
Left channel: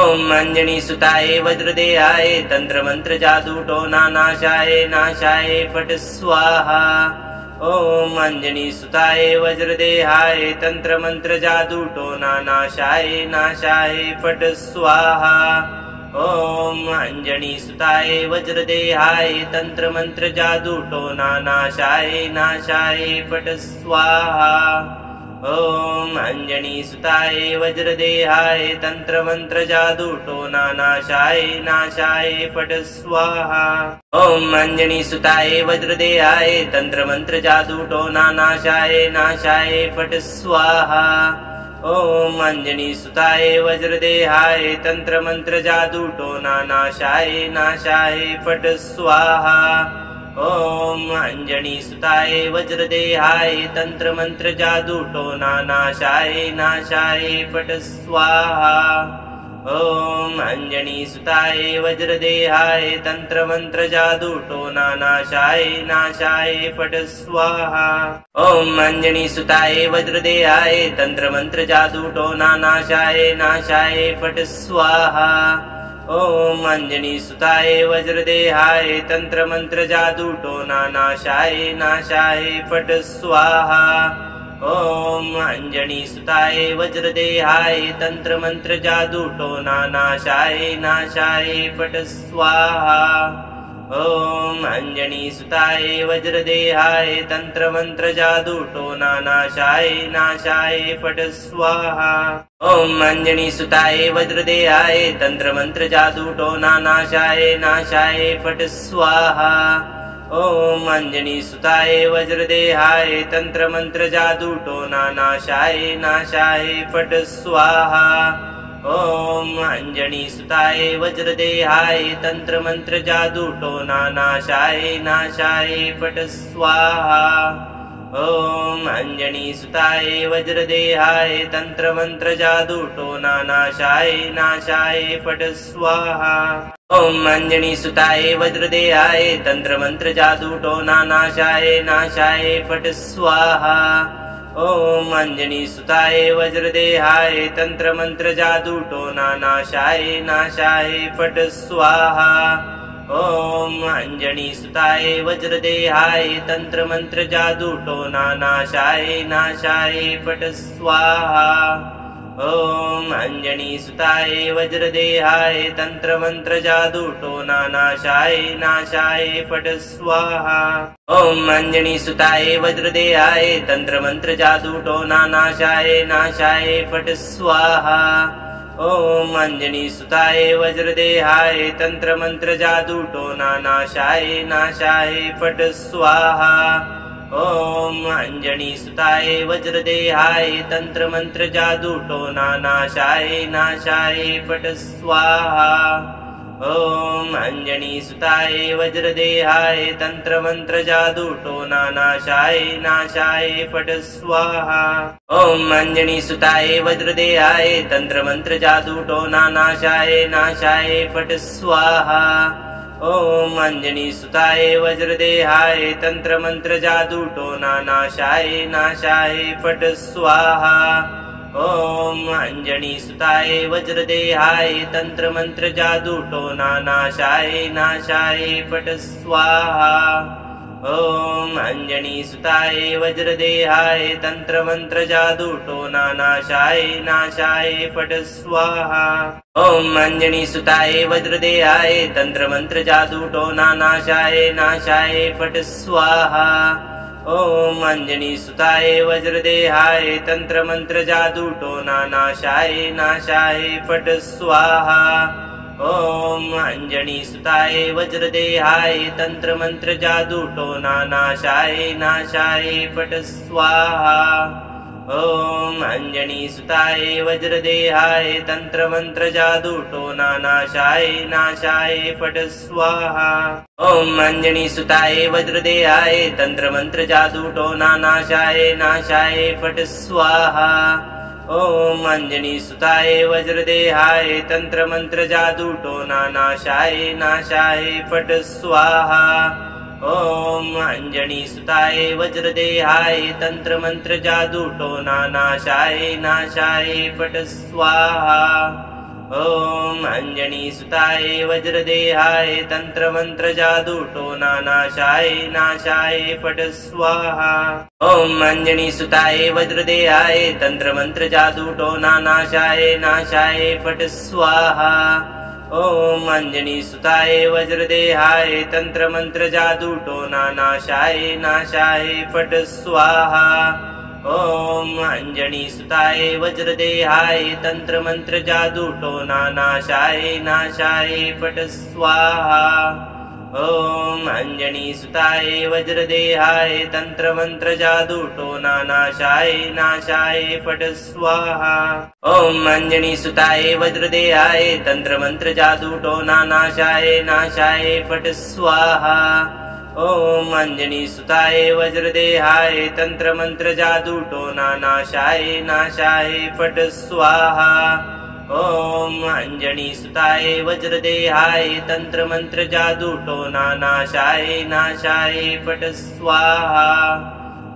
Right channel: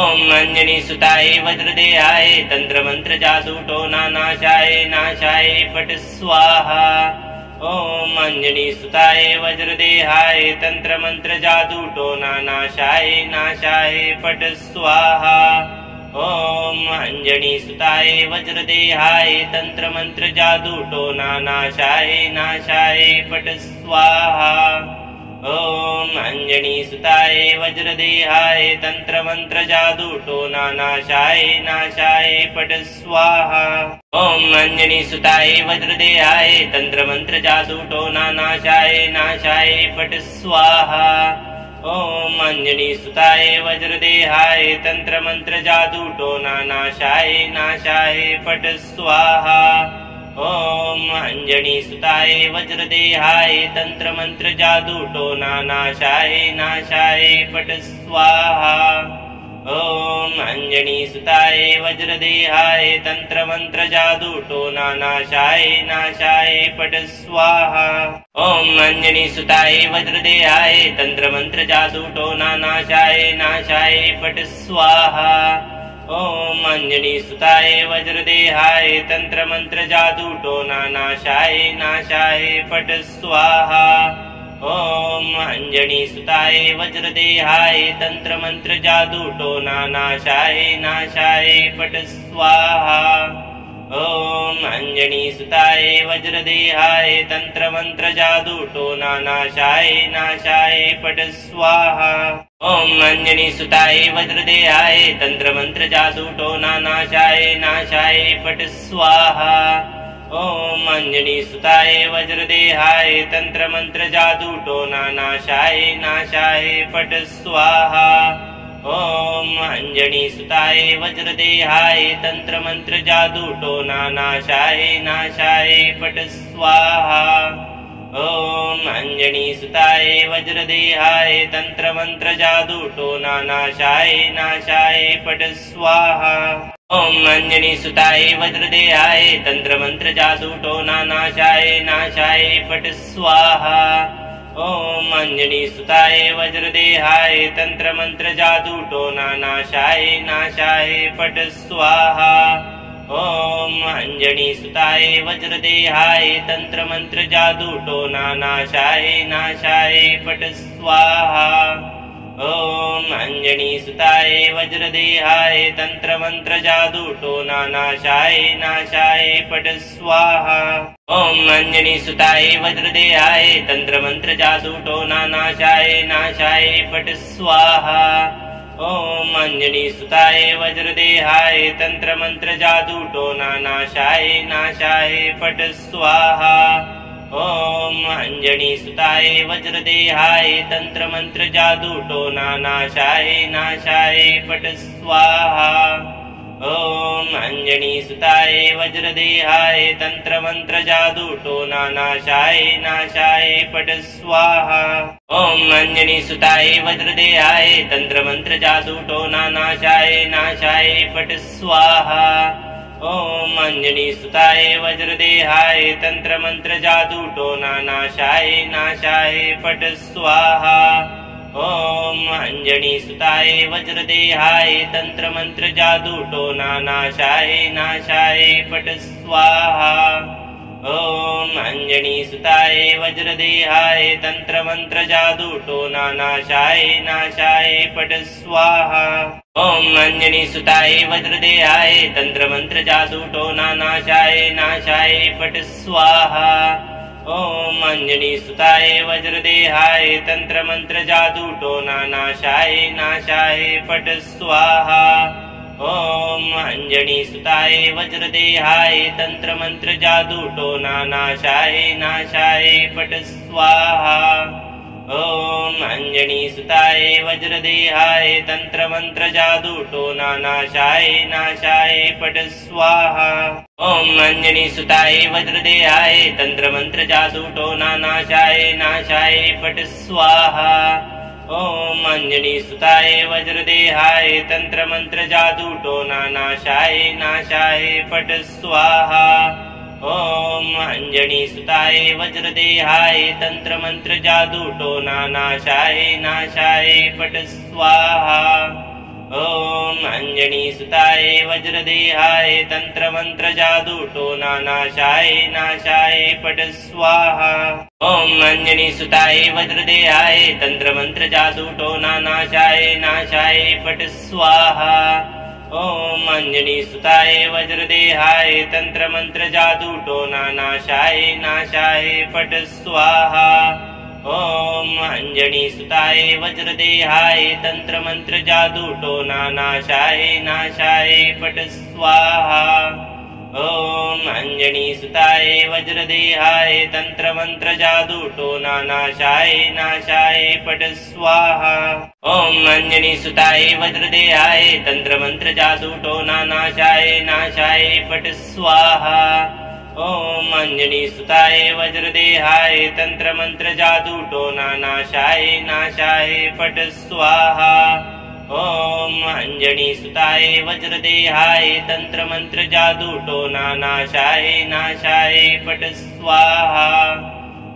ॐ अञ्जनीसुताय वज्रदेहाय तन्त्रमन्त्र जादूटोना नाशाय नाशाय फट् स्वाहा। ॐ अञ्जनीसुताय वज्रदेहाय तन्त्रमन्त्र जादूटोना नाशाय नाशाय फट् स्वाहा। ॐ अञ्जनीसुताय वज्रदेहाय तन्त्रमन्त्र जादूटोना नाशाय नाशाय फट् स्वाहा। ॐ अञ्जनीसुताय वज्रदेहाय तन्त्रमन्त्र जादूटोना नाशाय नाशाय फट् स्वाहा। ॐ अञ्जनीसुताय वज्रदेहाय तन्त्रमन्त्र जादूटोना नाशाय नाशाय फट् स्वाहा। ॐ अञ्जनीसुताय वज्रदेहाय तन्त्रमन्त्र जादूटोना नाशाय नाशाय फट् स्वाहा। ॐ अञ्जनीसुताय वज्रदेहाय तन्त्रमन्त्र जादूटोना नाशाय नाशाय फट् स्वाहा। ॐ अञ्जनीसुताय वज्रदेहाय तन्त्रमन्त्र जादूटोना नाशाय नाशाय फट् स्वाहा। ॐ अञ्जनीसुताय वज्रदेहाय तन्त्रमन्त्र जादूटोना नाशाय नाशाय फट् स्वाहा। ॐ अञ्जनीसुताय वज्रदेहाय तन्त्रमन्त्र जादूटोना नाशाय नाशाय फट् स्वाहा। ॐ अञ्जनीसुताय वज्रदेहाय तन्त्रमन्त्र जादूटोना नाशाय नाशाय फट् स्वाहा। ॐ अञ्जनीसुताय वज्रदेहाय तन्त्रमन्त्र जादूटोना नाशाय नाशाय फट् स्वाहा। ॐ अञ्जनीसुताय वज्रदेहाय तन्त्रमन्त्र जादूटोना नाशाय नाशाय फट् स्वाहा। ॐ अञ्जनीसुताय वज्रदेहाय तन्त्रमन्त्र जादूटोना नाशाय नाशाय फट् स्वाहा। ॐ अञ्जनीसुताय वज्रदेहाय तन्त्रमन्त्र जादूटोना नाशाय नाशाय फट् स्वाहा। ॐ अञ्जनीसुताय वज्रदेहाय तन्त्रमन्त्र जादूटोना नाशाय नाशाय फट् स्वाहा। ॐ अञ्जनीसुताय वज्रदेहाय तन्त्रमन्त्र जादूटोना नाशाय नाशाय फट् स्वाहा। ॐ अञ्जनीसुताय वज्रदेहाय तन्त्रमन्त्र जादूटोना नाशाय नाशाय फट् स्वाहा। ॐ अञ्जनीसुताय वज्रदेहाय तन्त्रमन्त्र जादूटोना नाशाय नाशाय फट् स्वाहा। ॐ अञ्जनीसुताय वज्रदेहाय तन्त्रमन्त्र जादूटोना नाशाय नाशाय फट् स्वाहा। ॐ अञ्जनीसुताय वज्रदेहाय तन्त्रमन्त्र जादूटोना नाशाय नाशाय फट् स्वाहा। ॐ अञ्जनीसुताय वज्रदेहाय तन्त्रमन्त्र जादूटोना नाशाय नाशाय फट् स्वाहा। ॐ अञ्जनीसुताय वज्रदेहाय तन्त्रमन्त्र जादूटोना नाशाय नाशाय फट् स्वाहा। ॐ अञ्जनीसुताय वज्रदेहाय तन्त्रमन्त्र जादूटोना नाशाय नाशाय फट् स्वाहा। ॐ अञ्जनीसुताय वज्रदेहाय तन्त्रमन्त्र जादूटोना नाशाय नाशाय फट् स्वाहा। ॐ अञ्जनीसुताय वज्रदेहाय तन्त्रमन्त्र जादूटोना नाशाय नाशाय फट् स्वाहा। ॐ अञ्जनीसुताय वज्रदेहाय तन्त्रमन्त्र जादूटोना नाशाय नाशाय फट् स्वाहा। ॐ अञ्जनीसुताय वज्रदेहाय तन्त्रमन्त्र जादूटोना नाशाय नाशाय फट् स्वाहा। ॐ अञ्जनीसुताय वज्रदेहाय तन्त्रमन्त्र जादूटोना नाशाय नाशाय फट् स्वाहा। ॐ अञ्जनीसुताय वज्रदेहाय तन्त्रमन्त्र जादूटोना नाशाय नाशाय फट् स्वाहा। ॐ अञ्जनीसुताय वज्रदेहाय तन्त्रमन्त्र जादूटोना नाशाय नाशाय फट् स्वाहा। ॐ अञ्जनीसुताय वज्रदेहाय तन्त्रमन्त्र जादूटोना नाशाय नाशाय फट् स्वाहा। ॐ अञ्जनीसुताय वज्रदेहाय तन्त्रमन्त्र जादूटोना नाशाय नाशाय फट् स्वाहा। ॐ अञ्जनीसुताय वज्रदेहाय तन्त्रमन्त्र जादूटोना नाशाय नाशाय फट् स्वाहा। ॐ अञ्जनीसुताय वज्रदेहाय तन्त्रमन्त्र जादूटोना नाशाय नाशाय फट् स्वाहा। ॐ अञ्जनीसुताय वज्रदेहाय तन्त्रमन्त्र जादूटोना नाशाय नाशाय फट् स्वाहा। ॐ अञ्जनीसुताय वज्रदेहाय तन्त्रमन्त्र जादूटोना नाशाय नाशाय फट् स्वाहा। ॐ अञ्जनीसुताय वज्रदेहाय तन्त्रमन्त्र जादूटोना नाशाय नाशाय फट् स्वाहा। ॐ अञ्जनीसुताय वज्रदेहाय तन्त्रमन्त्र जादूटोना नाशाय नाशाय फट् स्वाहा। ॐ अञ्जनीसुताय वज्रदेहाय तन्त्रमन्त्र जादूटोना नाशाय नाशाय फट् स्वाहा। ॐ अञ्जनीसुताय वज्रदेहाय तन्त्रमन्त्र जादूटोना नाशाय नाशाय फट् स्वाहा। ॐ अञ्जनीसुताय वज्रदेहाय तन्त्रमन्त्र जादूटोना नाशाय नाशाय फट् स्वाहा। ॐ अञ्जनीसुताय वज्रदेहाय तन्त्रमन्त्र जादूटोना नाशाय नाशाय फट् स्वाहा।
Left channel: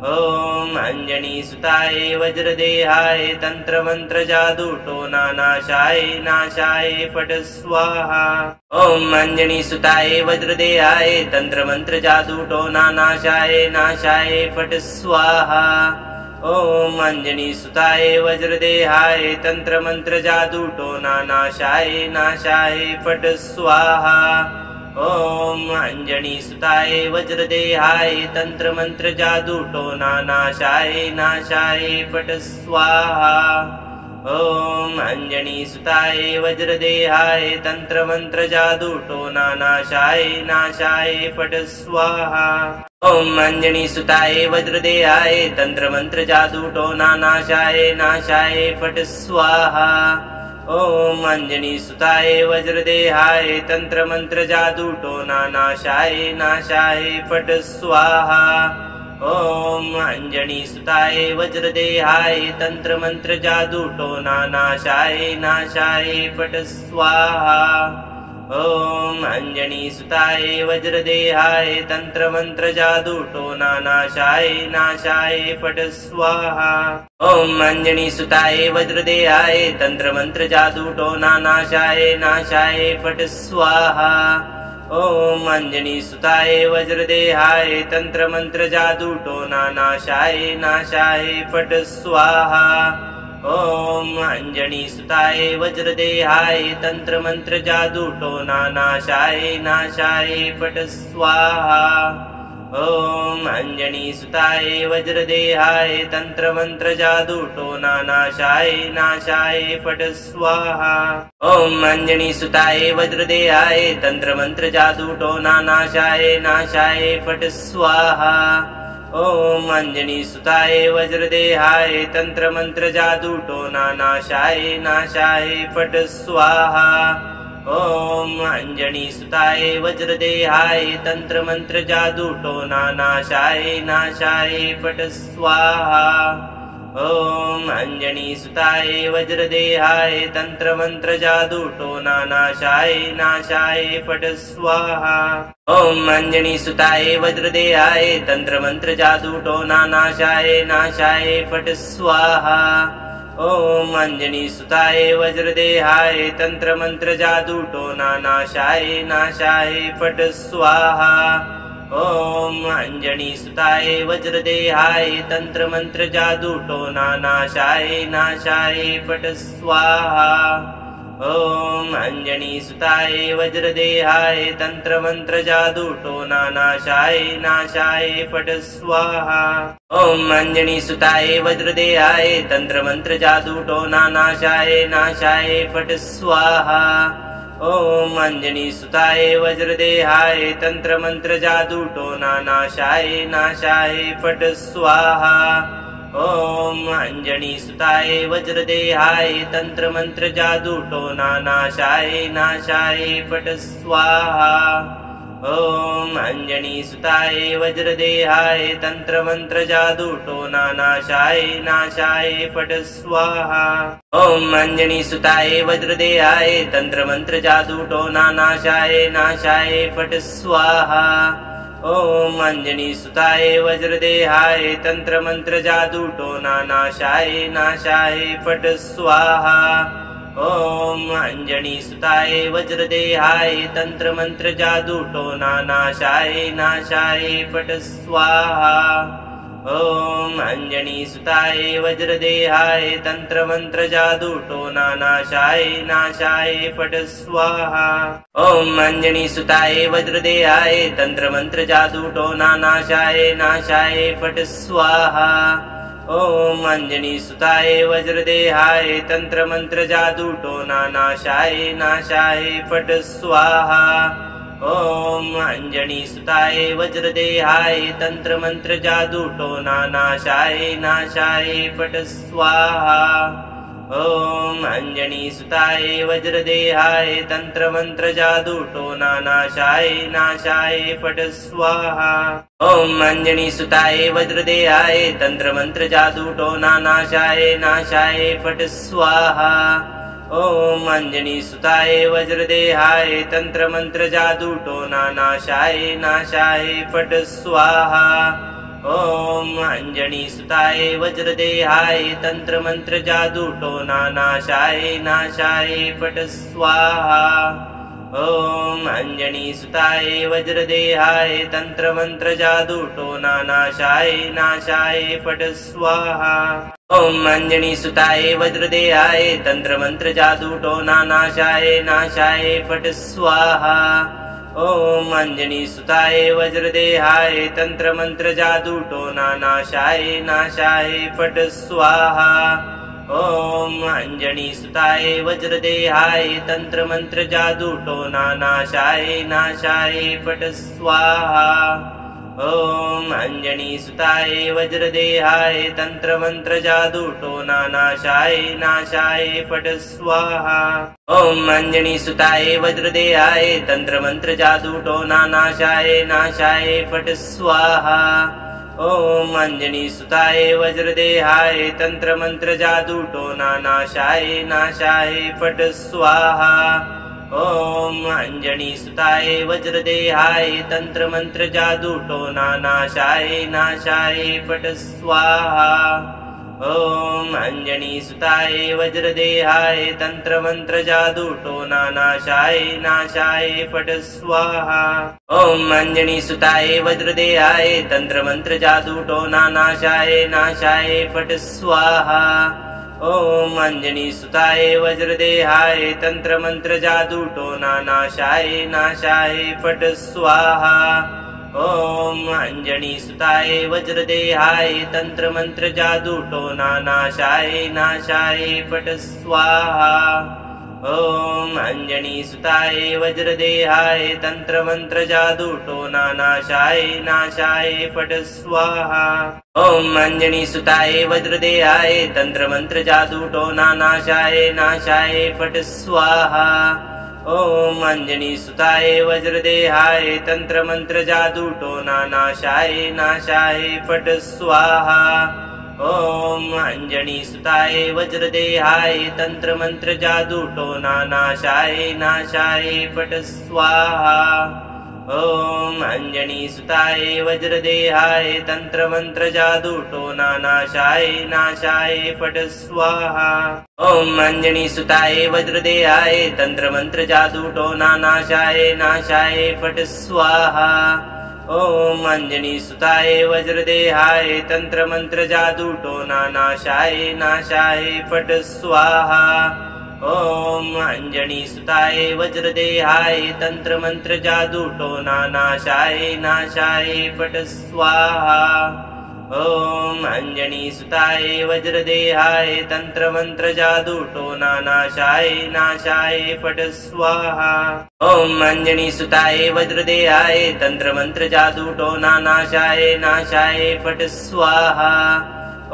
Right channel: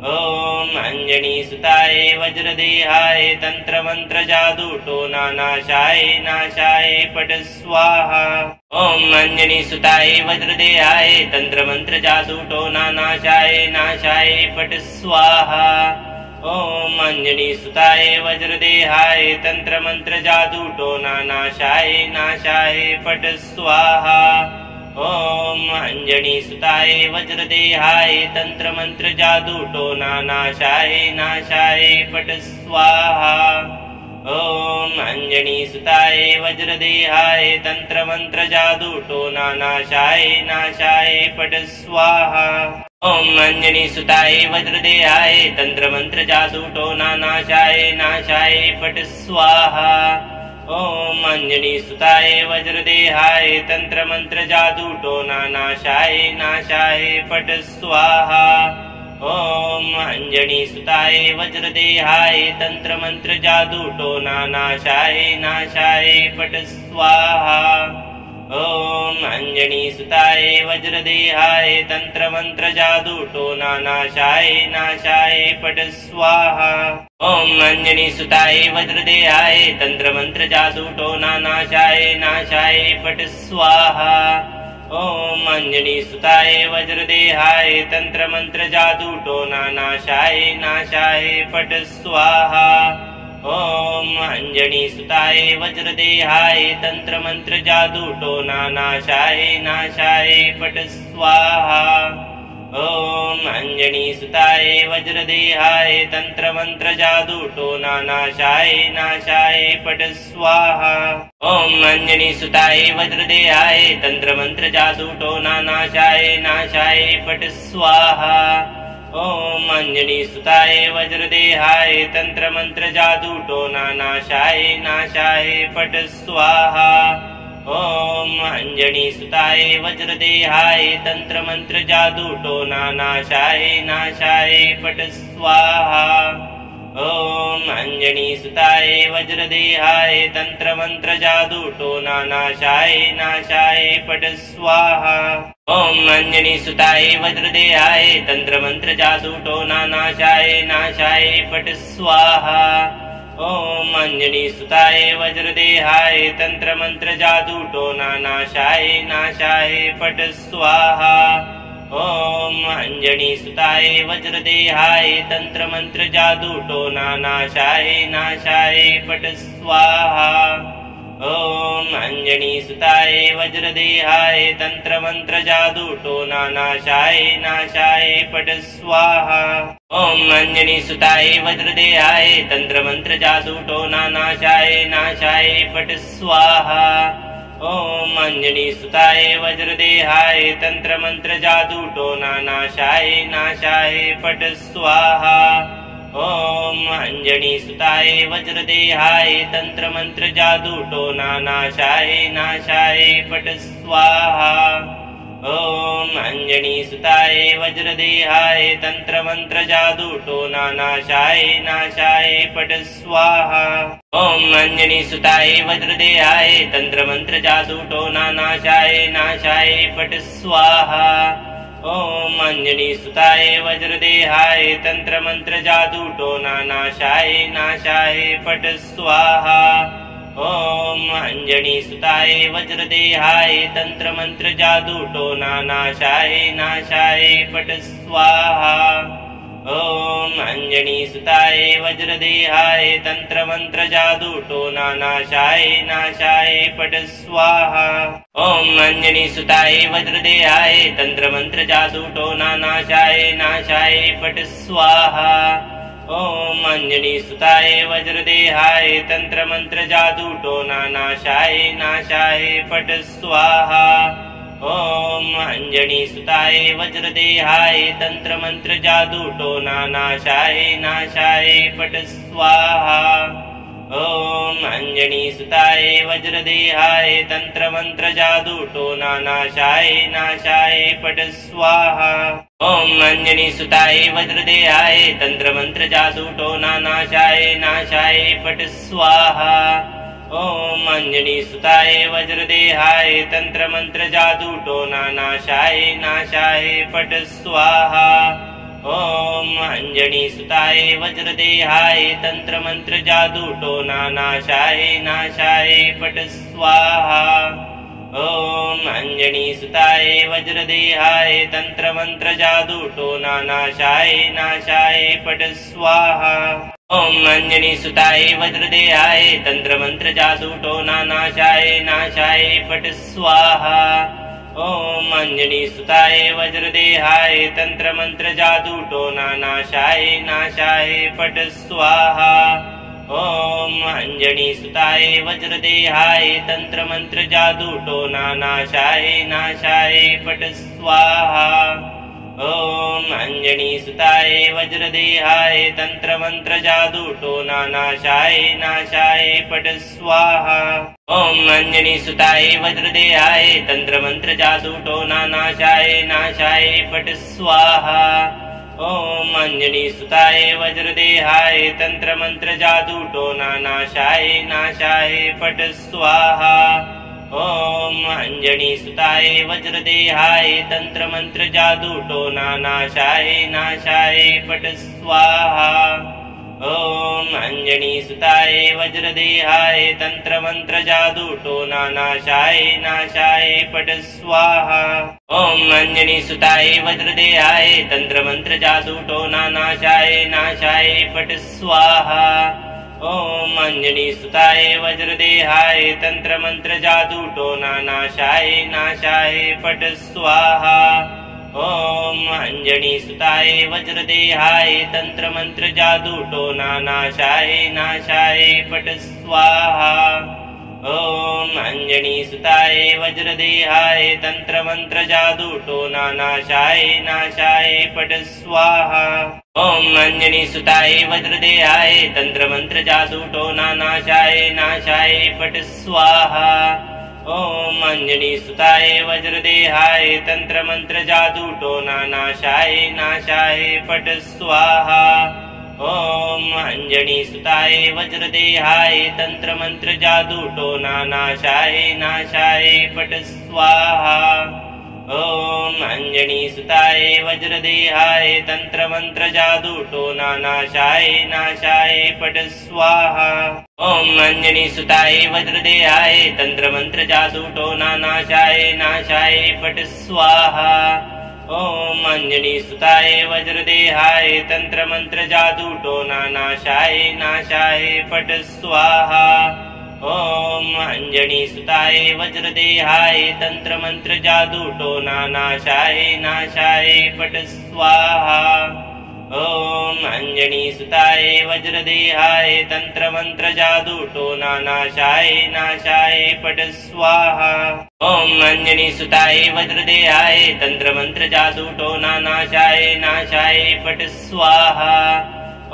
ॐ अञ्जनीसुताय वज्रदेहाय तन्त्रमन्त्र जादूटोना नाशाय नाशाय फट् स्वाहा। ॐ अञ्जनीसुताय वज्रदेहाय तन्त्रमन्त्र जादूटोना नाशाय नाशाय फट् स्वाहा। ॐ अञ्जनीसुताय वज्रदेहाय तन्त्रमन्त्र जादूटोना नाशाय नाशाय फट् स्वाहा। ॐ अञ्जनीसुताय वज्रदेहाय तन्त्रमन्त्र जादूटोना नाशाय नाशाय फट् स्वाहा। ॐ अञ्जनीसुताय वज्रदेहाय तन्त्रमन्त्र जादूटोना नाशाय नाशाय फट् स्वाहा। ॐ अञ्जनीसुताय वज्रदेहाय तन्त्रमन्त्र जादूटोना नाशाय नाशाय फट् स्वाहा। ॐ अञ्जनीसुताय वज्रदेहाय तन्त्रमन्त्र जादूटोना नाशाय नाशाय फट् स्वाहा। ॐ अञ्जनीसुताय वज्रदेहाय तन्त्रमन्त्र जादूटोना नाशाय नाशाय फट् स्वाहा। ॐ अञ्जनीसुताय वज्रदेहाय तन्त्रमन्त्र जादूटोना नाशाय नाशाय फट् स्वाहा। ॐ अञ्जनीसुताय वज्रदेहाय तन्त्रमन्त्र जादूटोना नाशाय नाशाय फट् स्वाहा। ॐ अञ्जनीसुताय वज्रदेहाय तन्त्रमन्त्र जादूटोना नाशाय नाशाय फट् स्वाहा। ॐ अञ्जनीसुताय वज्रदेहाय तन्त्रमन्त्र जादूटोना नाशाय नाशाय फट् स्वाहा। ॐ अञ्जनीसुताय वज्रदेहाय तन्त्रमन्त्र जादूटोना नाशाय नाशाय फट् स्वाहा। ॐ अञ्जनीसुताय वज्रदेहाय तन्त्रमन्त्र जादूटोना नाशाय नाशाय फट् स्वाहा। ॐ अञ्जनीसुताय वज्रदेहाय तन्त्रमन्त्र जादूटोना नाशाय नाशाय फट् स्वाहा। ॐ अञ्जनीसुताय वज्रदेहाय तन्त्रमन्त्र जादूटोना नाशाय नाशाय फट् स्वाहा। ॐ अञ्जनीसुताय वज्रदेहाय तन्त्रमन्त्र जादूटोना नाशाय नाशाय फट् स्वाहा। ॐ अञ्जनीसुताय वज्रदेहाय तन्त्रमन्त्र जादूटोना नाशाय नाशाय फट् स्वाहा। ॐ अञ्जनीसुताय वज्रदेहाय तन्त्रमन्त्र जादूटोना नाशाय नाशाय फट् स्वाहा। ॐ अञ्जनीसुताय वज्रदेहाय तन्त्रमन्त्र जादूटोना नाशाय नाशाय फट् स्वाहा। ॐ अञ्जनीसुताय वज्रदेहाय तन्त्रमन्त्र जादूटोना नाशाय नाशाय फट् स्वाहा। ॐ अञ्जनीसुताय वज्रदेहाय तन्त्रमन्त्र जादूटोना नाशाय नाशाय फट् स्वाहा। ॐ अञ्जनीसुताय वज्रदेहाय तन्त्रमन्त्र जादूटोना नाशाय नाशाय फट् स्वाहा। ॐ अञ्जनीसुताय वज्रदेहाय तन्त्रमन्त्र जादूटोना नाशाय नाशाय फट् स्वाहा। ॐ अञ्जनीसुताय वज्रदेहाय तन्त्रमन्त्र जादूटोना नाशाय नाशाय फट् स्वाहा। ॐ अञ्जनीसुताय वज्रदेहाय तन्त्रमन्त्र जादूटोना नाशाय नाशाय फट् स्वाहा। ॐ अंजनीसुताय वज्रदेहाय तंत्र मंत्र जादू टोना नाशाय नाशाय पट स्वाहा। ॐ अंजनीसुताय वज्रदेहाय तंत्र मंत्र जादू टोना नाशाय नाशाय पट स्वाहा। ॐ अंजनीसुताय वज्रदेहाय तंत्र मंत्र जादू टोना नाशाय नाशाय पट स्वाहा। ॐ अंजनीसुताय वज्रदेहाय तंत्र मंत्र जादू टोना नाशाय नाशाय पट स्वाहा। ॐ अंजनीसुताय वज्रदेहाय तंत्र मंत्र जादू टोना नाशाय नाशाय पट स्वाहा। ॐ अंजनीसुताय वज्रदेहाय तंत्र मंत्र जादू टोना नाशाय नाशाय पट स्वाहा। ॐ अंजनीसुताय वज्रदेहाय तंत्र मंत्र जादू टोना नाशाय नाशाय पट स्वाहा। ॐ अंजनीसुताय वज्रदेहाय तंत्र मंत्र जादू टोना नाशाय नाशाय पट स्वाहा। ॐ अंजनीसुताय वज्रदेहाय तंत्र मंत्र जादू टोना नाशाय नाशाय पट स्वाहा। ॐ अंजनीसुताय वज्रदेहाय तंत्र मंत्र जादू टोना नाशाय नाशाय पट स्वाहा। ॐ अंजनीसुताय वज्रदेहाय तंत्र मंत्र जादू टोना नाशाय नाशाय पट स्वाहा। ॐ अंजनीसुताय वज्रदेहाय तंत्र मंत्र जादू टोना नाशाय नाशाय पट स्वाहा। ॐ अंजनीसुताय वज्रदेहाय तंत्र मंत्र जादू टोना नाशाय नाशाय पट स्वाहा। ॐ अंजनीसुताय वज्रदेहाय तंत्र मंत्र जादू टोना नाशाय नाशाय पट स्वाहा। ॐ अंजनीसुताय वज्रदेहाय तंत्र मंत्र जादू टोना नाशाय नाशाय पट स्वाहा। ॐ अंजनीसुताय वज्रदेहाय तंत्र मंत्र जादू टोना नाशाय नाशाय पट स्वाहा। ॐ अंजनीसुताय वज्रदेहाय तंत्र मंत्र जादू टोना नाशाय नाशाय पट स्वाहा। ॐ अंजनीसुताय वज्रदेहाय तंत्र मंत्र जादू टोना नाशाय नाशाय पट स्वाहा। ॐ अंजनीसुताय वज्रदेहाय तंत्र मंत्र जादू टोना नाशाय नाशाय पट स्वाहा। ॐ अंजनीसुताय वज्रदेहाय तंत्र मंत्र जादू टोना नाशाय नाशाय पट स्वाहा। ॐ अंजनीसुताय वज्रदेहाय तंत्र मंत्र जादू टोना नाशाय नाशाय पट स्वाहा। ॐ अंजनीसुताय वज्रदेहाय तंत्र मंत्र जादू टोना नाशाय नाशाय पट स्वाहा। ॐ अंजनीसुताय वज्रदेहाय तंत्र मंत्र जादू टोना नाशाय नाशाय पट स्वाहा। ॐ अंजनीसुताय वज्रदेहाय तंत्र मंत्र जादू टोना नाशाय नाशाय पट स्वाहा। ॐ अंजनीसुताय वज्रदेहाय तंत्र मंत्र जादू टोना नाशाय नाशाय पट स्वाहा। ॐ अंजनीसुताय वज्रदेहाय तंत्र मंत्र जादू टोना नाशाय नाशाय पट स्वाहा। ॐ अंजनीसुताय वज्रदेहाय तंत्र मंत्र जादू टोना नाशाय नाशाय पट स्वाहा। ॐ अंजनीसुताय वज्रदेहाय तंत्र मंत्र जादू टोना नाशाय नाशाय पट स्वाहा। ॐ अंजनीसुताय वज्रदेहाय तंत्र मंत्र जादू टोना नाशाय नाशाय पट स्वाहा। ॐ अंजनीसुताय वज्रदेहाय तंत्र मंत्र जादू टोना नाशाय नाशाय पट स्वाहा। ॐ अंजनीसुताय वज्रदेहाय तंत्र मंत्र जादू टोना नाशाय नाशाय पट स्वाहा। ॐ अंजनीसुताय वज्रदेहाय तंत्र मंत्र जादू टोना नाशाय नाशाय पट स्वाहा।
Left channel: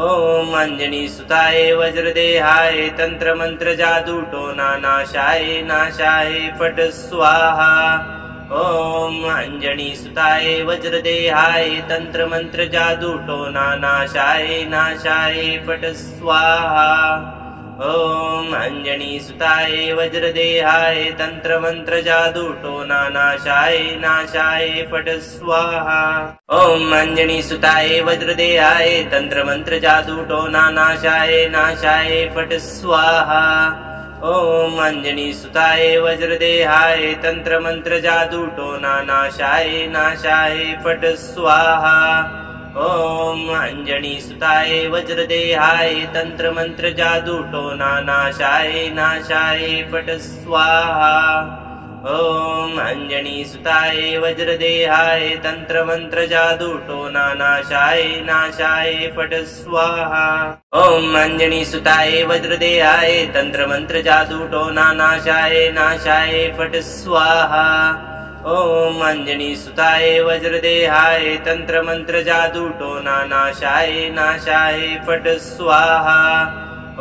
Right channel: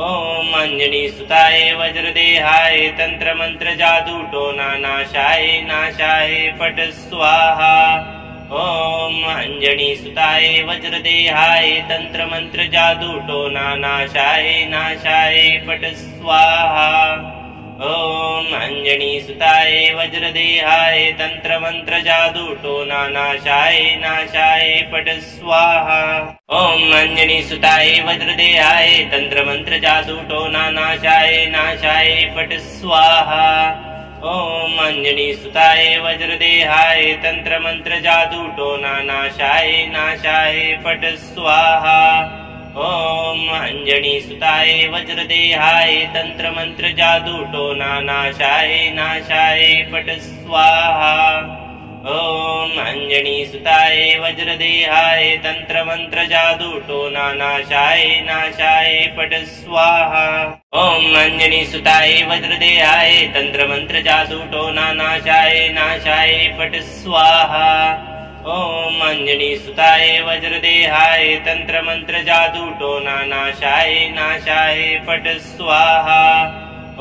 ॐ अंजनीसुताय वज्रदेहाय तंत्र मंत्र जादू टोना नाशाय नाशाय पट स्वाहा। ॐ अंजनीसुताय वज्रदेहाय तंत्र मंत्र जादू टोना नाशाय नाशाय पट स्वाहा। ॐ अञ्जनीसुताय वज्रदेहाय तन्त्रमन्त्र जादूटोना नाशाय नाशाय फट् स्वाहा। ॐ अञ्जनीसुताय वज्रदेहाय तन्त्रमन्त्र जादूटोना नाशाय नाशाय फट् स्वाहा। ॐ अञ्जनीसुताय वज्रदेहाय तन्त्रमन्त्र जादूटोना नाशाय नाशाय फट् स्वाहा। ॐ अञ्जनीसुताय वज्रदेहाय तन्त्रमन्त्र जादूटोना नाशाय नाशाय फट् स्वाहा। ॐ अञ्जनीसुताय वज्रदेहाय तन्त्रमन्त्र जादूटोना नाशाय नाशाय फट् स्वाहा। ॐ अञ्जनीसुताय वज्रदेहाय तन्त्रमन्त्र जादूटोना नाशाय नाशाय फट् स्वाहा। ॐ अञ्जनीसुताय वज्रदेहाय तन्त्रमन्त्र जादूटोना नाशाय नाशाय फट् स्वाहा।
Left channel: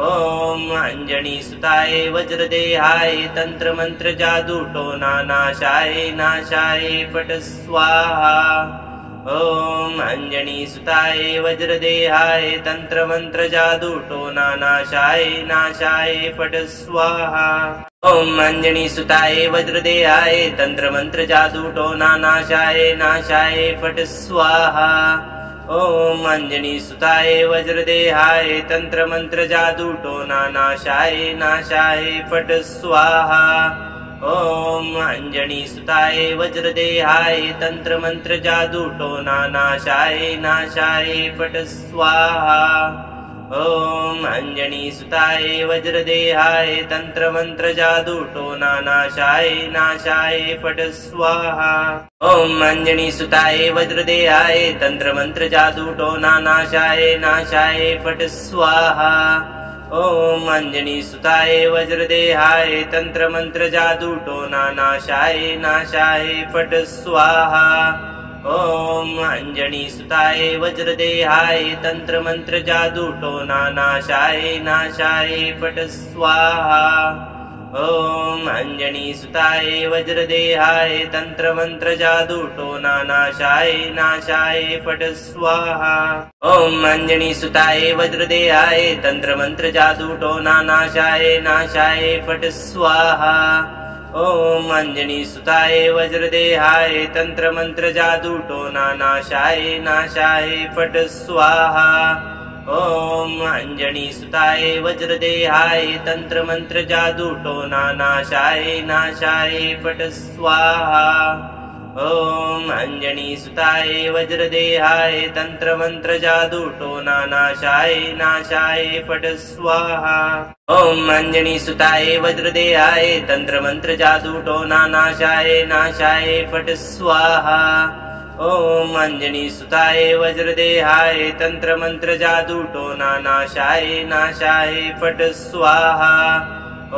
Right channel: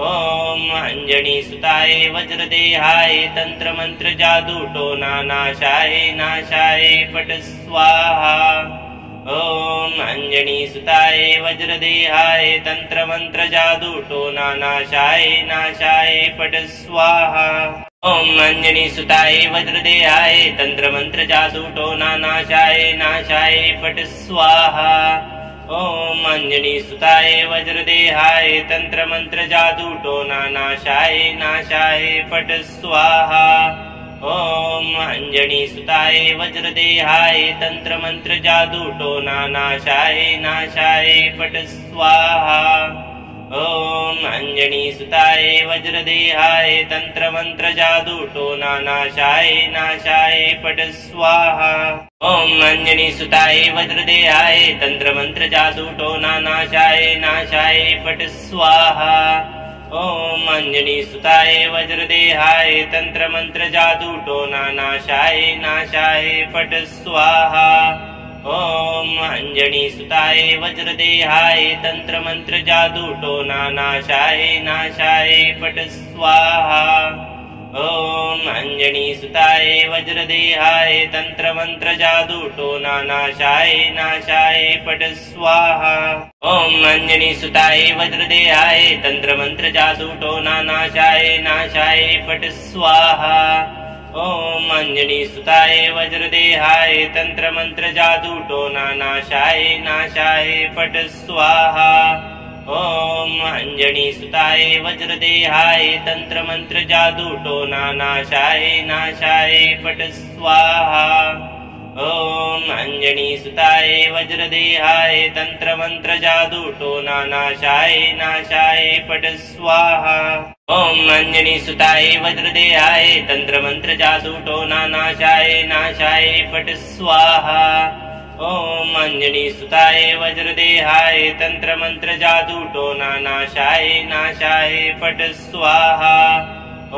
ॐ अञ्जनीसुताय वज्रदेहाय तन्त्रमन्त्र जादूटोना नाशाय नाशाय फट् स्वाहा। ॐ अञ्जनीसुताय वज्रदेहाय तन्त्रमन्त्र जादूटोना नाशाय नाशाय फट् स्वाहा। ॐ अञ्जनीसुताय वज्रदेहाय तन्त्रमन्त्र जादूटोना नाशाय नाशाय फट् स्वाहा। ॐ अञ्जनीसुताय वज्रदेहाय तन्त्रमन्त्र जादूटोना नाशाय नाशाय फट् स्वाहा। ॐ अञ्जनीसुताय वज्रदेहाय तन्त्रमन्त्र जादूटोना नाशाय नाशाय फट् स्वाहा। ॐ अञ्जनीसुताय वज्रदेहाय तन्त्रमन्त्र जादूटोना नाशाय नाशाय फट् स्वाहा। ॐ अञ्जनीसुताय वज्रदेहाय तन्त्रमन्त्र जादूटोना नाशाय नाशाय फट् स्वाहा। ॐ अञ्जनीसुताय वज्रदेहाय तन्त्रमन्त्र जादूटोना नाशाय नाशाय फट् स्वाहा। ॐ अञ्जनीसुताय वज्रदेहाय तन्त्रमन्त्र जादूटोना नाशाय नाशाय फट् स्वाहा। ॐ अञ्जनीसुताय वज्रदेहाय तन्त्रमन्त्र जादूटोना नाशाय नाशाय फट् स्वाहा। ॐ अञ्जनीसुताय वज्रदेहाय तन्त्रमन्त्र जादूटोना नाशाय नाशाय फट् स्वाहा। ॐ अञ्जनीसुताय वज्रदेहाय तन्त्रमन्त्र जादूटोना नाशाय नाशाय फट् स्वाहा। ॐ अञ्जनीसुताय वज्रदेहाय तन्त्रमन्त्र जादूटोना नाशाय नाशाय फट् स्वाहा। ॐ अञ्जनीसुताय वज्रदेहाय तन्त्रमन्त्र जादूटोना नाशाय नाशाय फट् स्वाहा। ॐ अञ्जनीसुताय वज्रदेहाय तन्त्रमन्त्र जादूटोना नाशाय नाशाय फट् स्वाहा। ॐ अञ्जनीसुताय वज्रदेहाय तन्त्रमन्त्र जादूटोना नाशाय नाशाय फट् स्वाहा।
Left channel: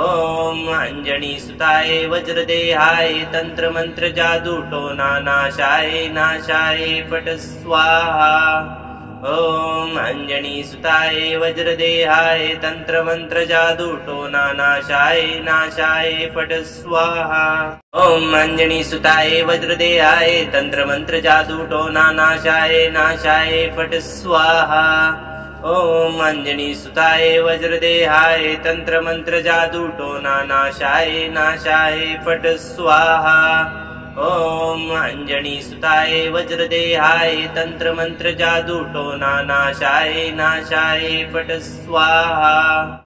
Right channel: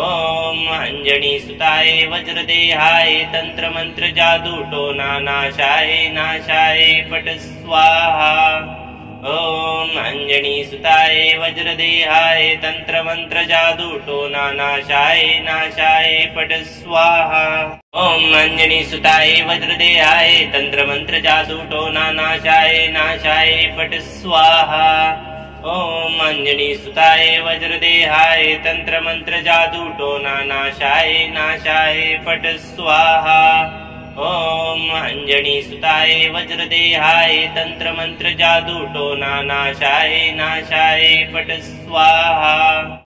ॐ अञ्जनीसुताय वज्रदेहाय तन्त्रमन्त्र जादूटोना नाशाय नाशाय फट् स्वाहा। ॐ अञ्जनीसुताय वज्रदेहाय तन्त्रमन्त्र जादूटोना नाशाय नाशाय फट् स्वाहा। ॐ अञ्जनीसुताय वज्रदेहाय तन्त्रमन्त्र जादूटोना नाशाय नाशाय फट् स्वाहा। ॐ अञ्जनीसुताय वज्रदेहाय तन्त्रमन्त्र जादूटोना नाशाय नाशाय फट् स्वाहा। ॐ अञ्जनीसुताय वज्रदेहाय तन्त्रमन्त्र जादूटोना नाशाय नाशाय फट् स्वाहा।